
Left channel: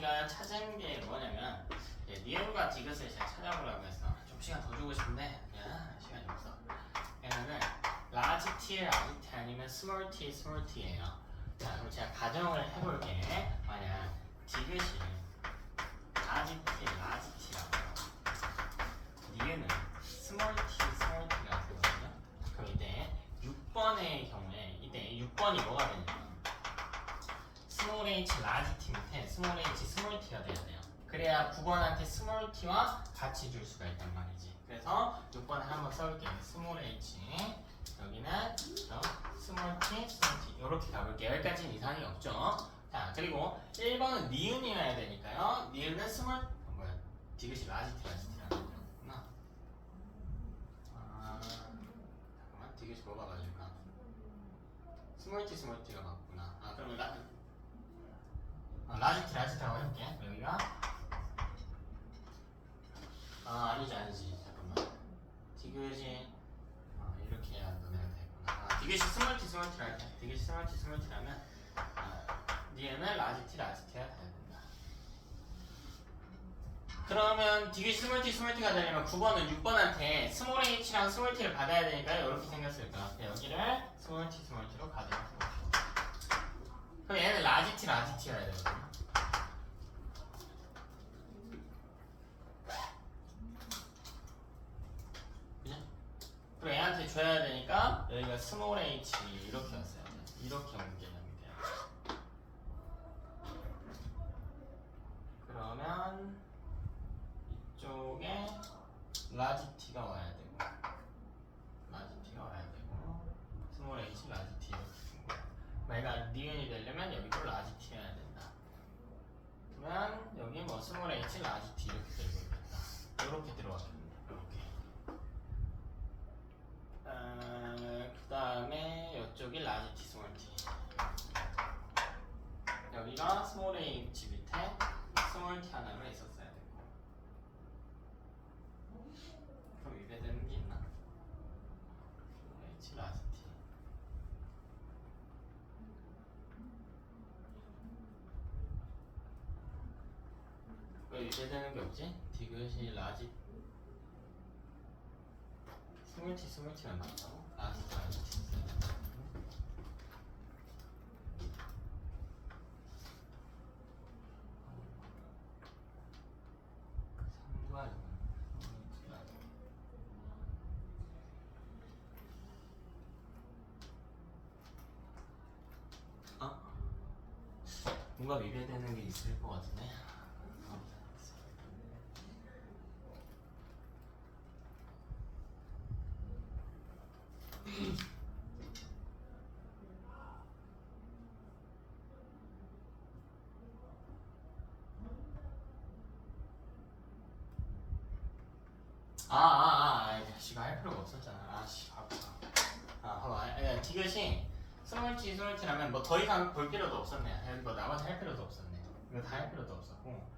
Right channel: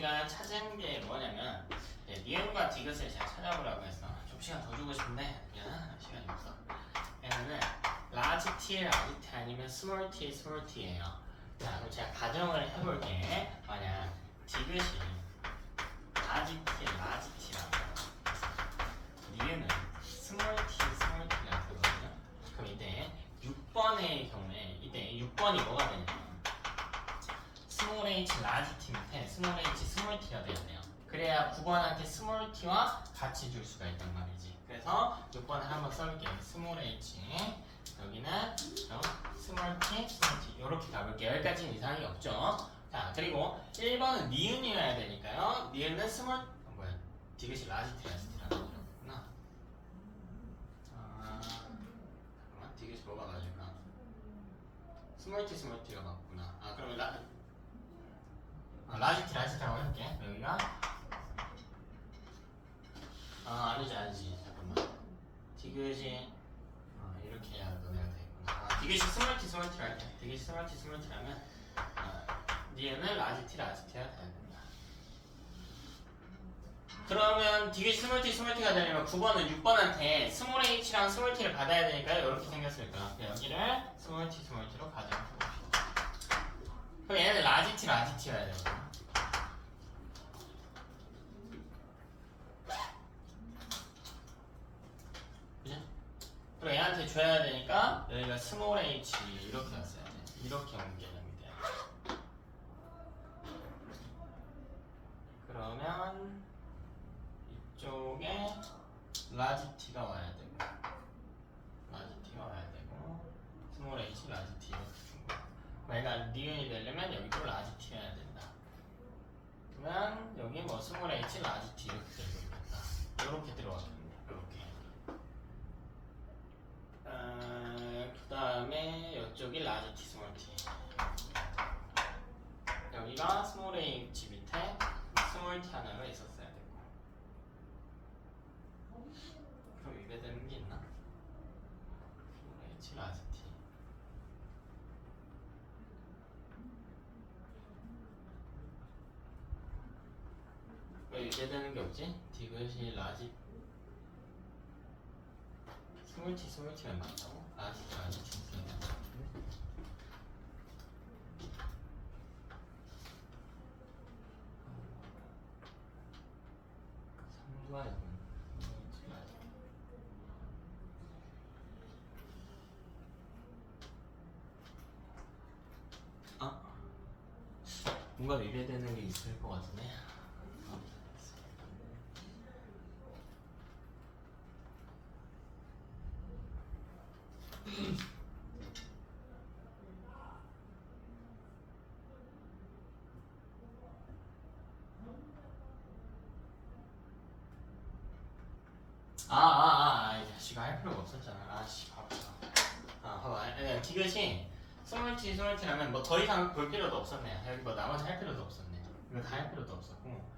우리가 찾은 게 뭐냐면 니은과 디귿을 제가 찾아보려고 했어. 좀 시간 더 주고 싶은데 그냥 시간이 없어. 얘는 라지 T, 라지 T 아니면 스몰 T, 스몰 T예요. 자, 그럼 제가 가정을 해볼게. 만약 디귿이 라지 T, 라지 T라고 니은은 스몰 T, 스몰 T가 되거든요. 그럼 이때 6번의 경우에 이때 6번이 뭐가 되냐면 스몰 H 라지 T 밑에 스몰 H 스몰 T가 돼야 돼요. 그래야 9번한테 스몰 T와 같이 줄 수가 있단 말이지. 그래서 6번을 한번 써볼게요. 스몰 H 여기는 스몰 T, 스몰 T 이렇게 가볼게요. 여기까지는 이상이 없죠. 자, 그리고 1번은 니은이어야 되니까요. 니은은 스몰 뭐야? 디귿이 라지 T, 라지 T라고 그랬구나. 잠깐만, 디귿이 뭐가 맞을까? 스몰 T, 스몰 T가 맞구나. 그럼 라지 T, 라지 T라고 해볼게. 여기가 아니지. 잠깐만. 디귿이 이렇게 해야 너네가 되겠구나. 디귿이 스몰 T, 스몰 T라 할게. 디귿이 스몰 T, 스몰 T라면 니은은 라지 T, 라지 T가 돼야 된다. 그러면 디귿이 스몰 T, 스몰 T가 되려면 9번은 6번한테 스몰 H랑 스몰 T를 받아야 되니까요. 이렇게 생겼을 거야. 여기를 스몰 T, 스몰 T로 가정해 봅시다. 그럼 얘는 라지 T, 라지 T여야 되거든. 그리고 얘한테 줘야 되니까 여기가 스몰 h 이렇게 왔어야 돼. 이렇게 온 개념이 돼요. 그러면 이쪽에 라지 t가 와야 되고 라지 t가 와야 되고 스몰 h 라지 t 이렇게 된 거야. 얘가 니은이 되려면 여기도 라지 t여야 된다. 그러면 여기 뭐 스몰 h 라지 t 이렇게 들고 있겠다. 이렇게 들어왔겠네. 이렇게. 그 다음에 이쪽이 라지 T, 스몰 T. 여기가 스몰 H 밑에 스몰 T 하나가 있었어야 되고. 그럼 위배되는 게 있나? 스몰 H, 라지 T. 왜 위배되는 게 없지? 디귿이 라지 스몰 T, 스몰 T가 나왔다고? 라지 T, 라지 T 있어야 된다. 뭔가 위배되는 게 있을 것 같은데. 자식아 할 필요가 없었잖아. 바보다. 봐봐. 디귿이 스몰 T, 스몰 T라면 뭐 더 이상 볼 필요도 없었네. 여기 뭐 나머지 할 필요도 없었네. 이거 다 할 필요도 없었고,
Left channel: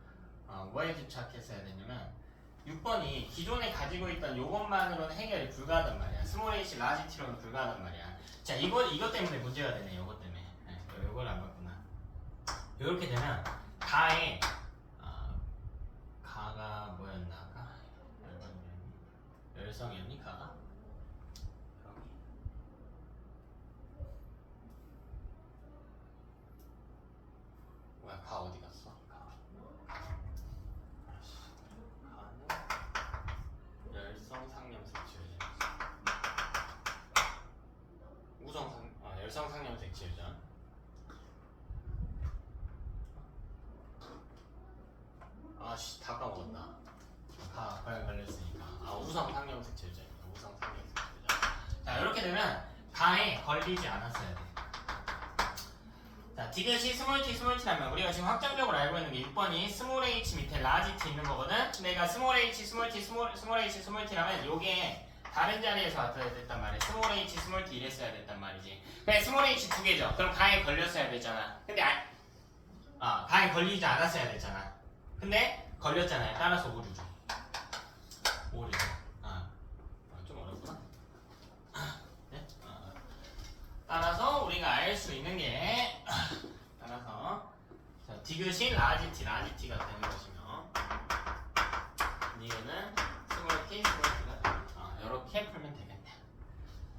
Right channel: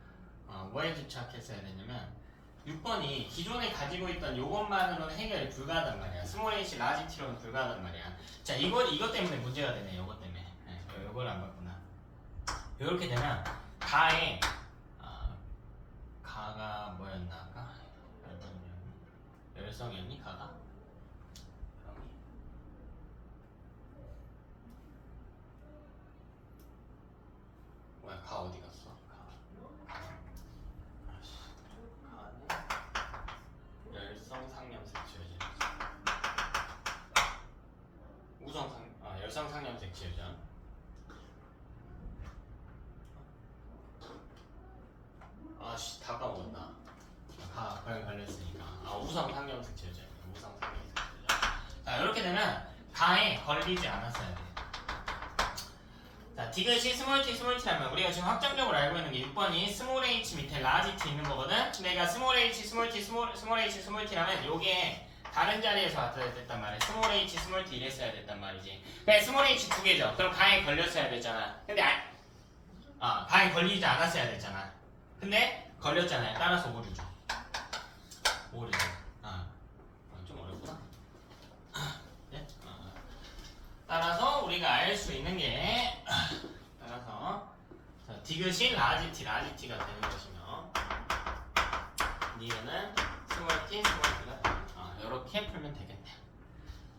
뭐에 집착했어야 되냐면 6번이 기존에 가지고 있던 요것만으로는 해결이 불가하단 말이야. 스몰 H, 라지 T로는 불가하단 말이야. 자, 이것 때문에 문제가 되네. 이것 때문에. 이걸 안 봤구나. 이렇게 되면 가에 가가 뭐였나 아까? 열성이었니 가가? 뭐야 가 어디 갔어? 가는 열성상념색 지어전. 열성상념색 지어전. 다 까먹었다. 가에 걸렸으니까. 우성상념색 지어전이다. 우성상념색 지어전. 자, 이렇게 되면 가에 걸리지 않았어야 돼. 자, 디귿이 스몰 t, 스몰 t라면 우리가 지금 확정적으로 알고 있는 게 6번이 스몰 h 밑에 라지 t 있는 거거든? 내가 스몰 h, 스몰 t, 스몰 h, 스몰 t라면 요게 다른 자리에서 왔어야 됐단 말이야. 스몰 h, 스몰 t 이랬어야 됐단 말이지. 그래, 스몰 h 두 개죠. 그럼 가에 걸렸어야 됐잖아. 근데 가에 걸리지 않았어야 됐잖아. 근데 걸렸잖아요. 따라서 오류죠. 오류죠. 좀 어렵구나. 예? 따라서 우리가 알 수 있는 게 따라서 자, 디귿이 라지 t가 되는 것이며 니은은 스몰 t, 스몰 t가 이렇게 풀면 되겠네.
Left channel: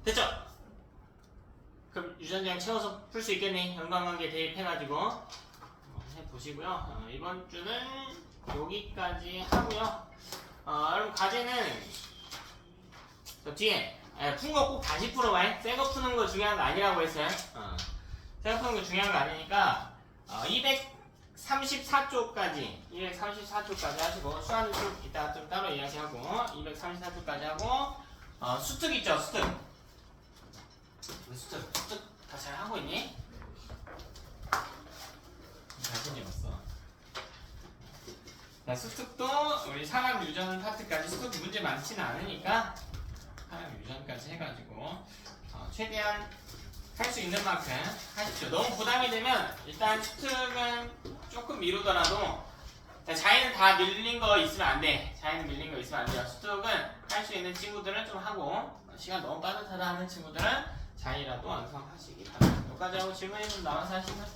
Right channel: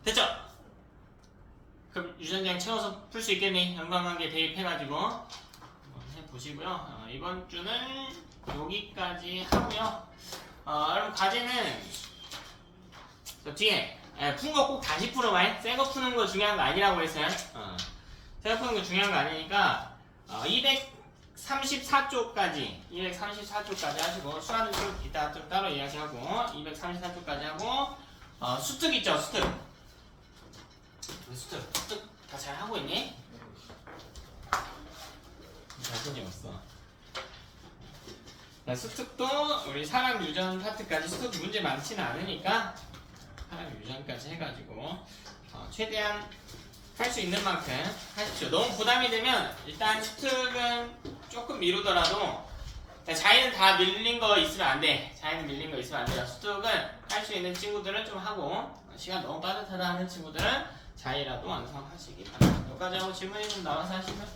됐죠? 그럼 유전량 채워서 풀 수 있겠니? 연관관계 대입해가지고 한번 해보시고요. 이번 주는 여기까지 하고요. 여러분 과제는 저 뒤에 푼 거 꼭 다시 풀어봐요. 새 거 푸는 거 중요한 거 아니라고 했어요. 새 거 푸는 거 중요한 거 아니니까 234쪽까지 하시고 수학은 좀 이따 좀 따로 이야기하고 234쪽까지 하고 수특 있죠, 수특 다 잘 하고 있니? 자신이 없어. 수특도 우리 사람 유전 파트까지 수특 문제 많지는 않으니까 사람 유전까지 해가지고 최대한 할 수 있는 만큼 하십시오. 너무 부담이 되면 일단 수특은 조금 미루더라도 자기는 다 밀린 거 있으면 안 돼. 자기는 밀린 거 있으면 안 돼요. 수특은 할 수 있는 친구들은 좀 하고 시간 너무 빠듯하다 하는 친구들은 자기라도 완성하시기 바랍니다. 여기까지 하고 질문이 좀 나와서 하시면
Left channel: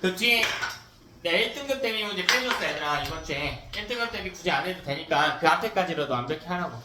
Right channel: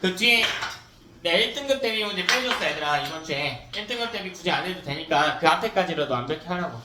그 뒤에 내 1등급 대비 문제 빼줬어 얘들아. 이번 주에 1등급 대비 굳이 안 해도 되니까 그 앞에까지라도 완벽히 하라고.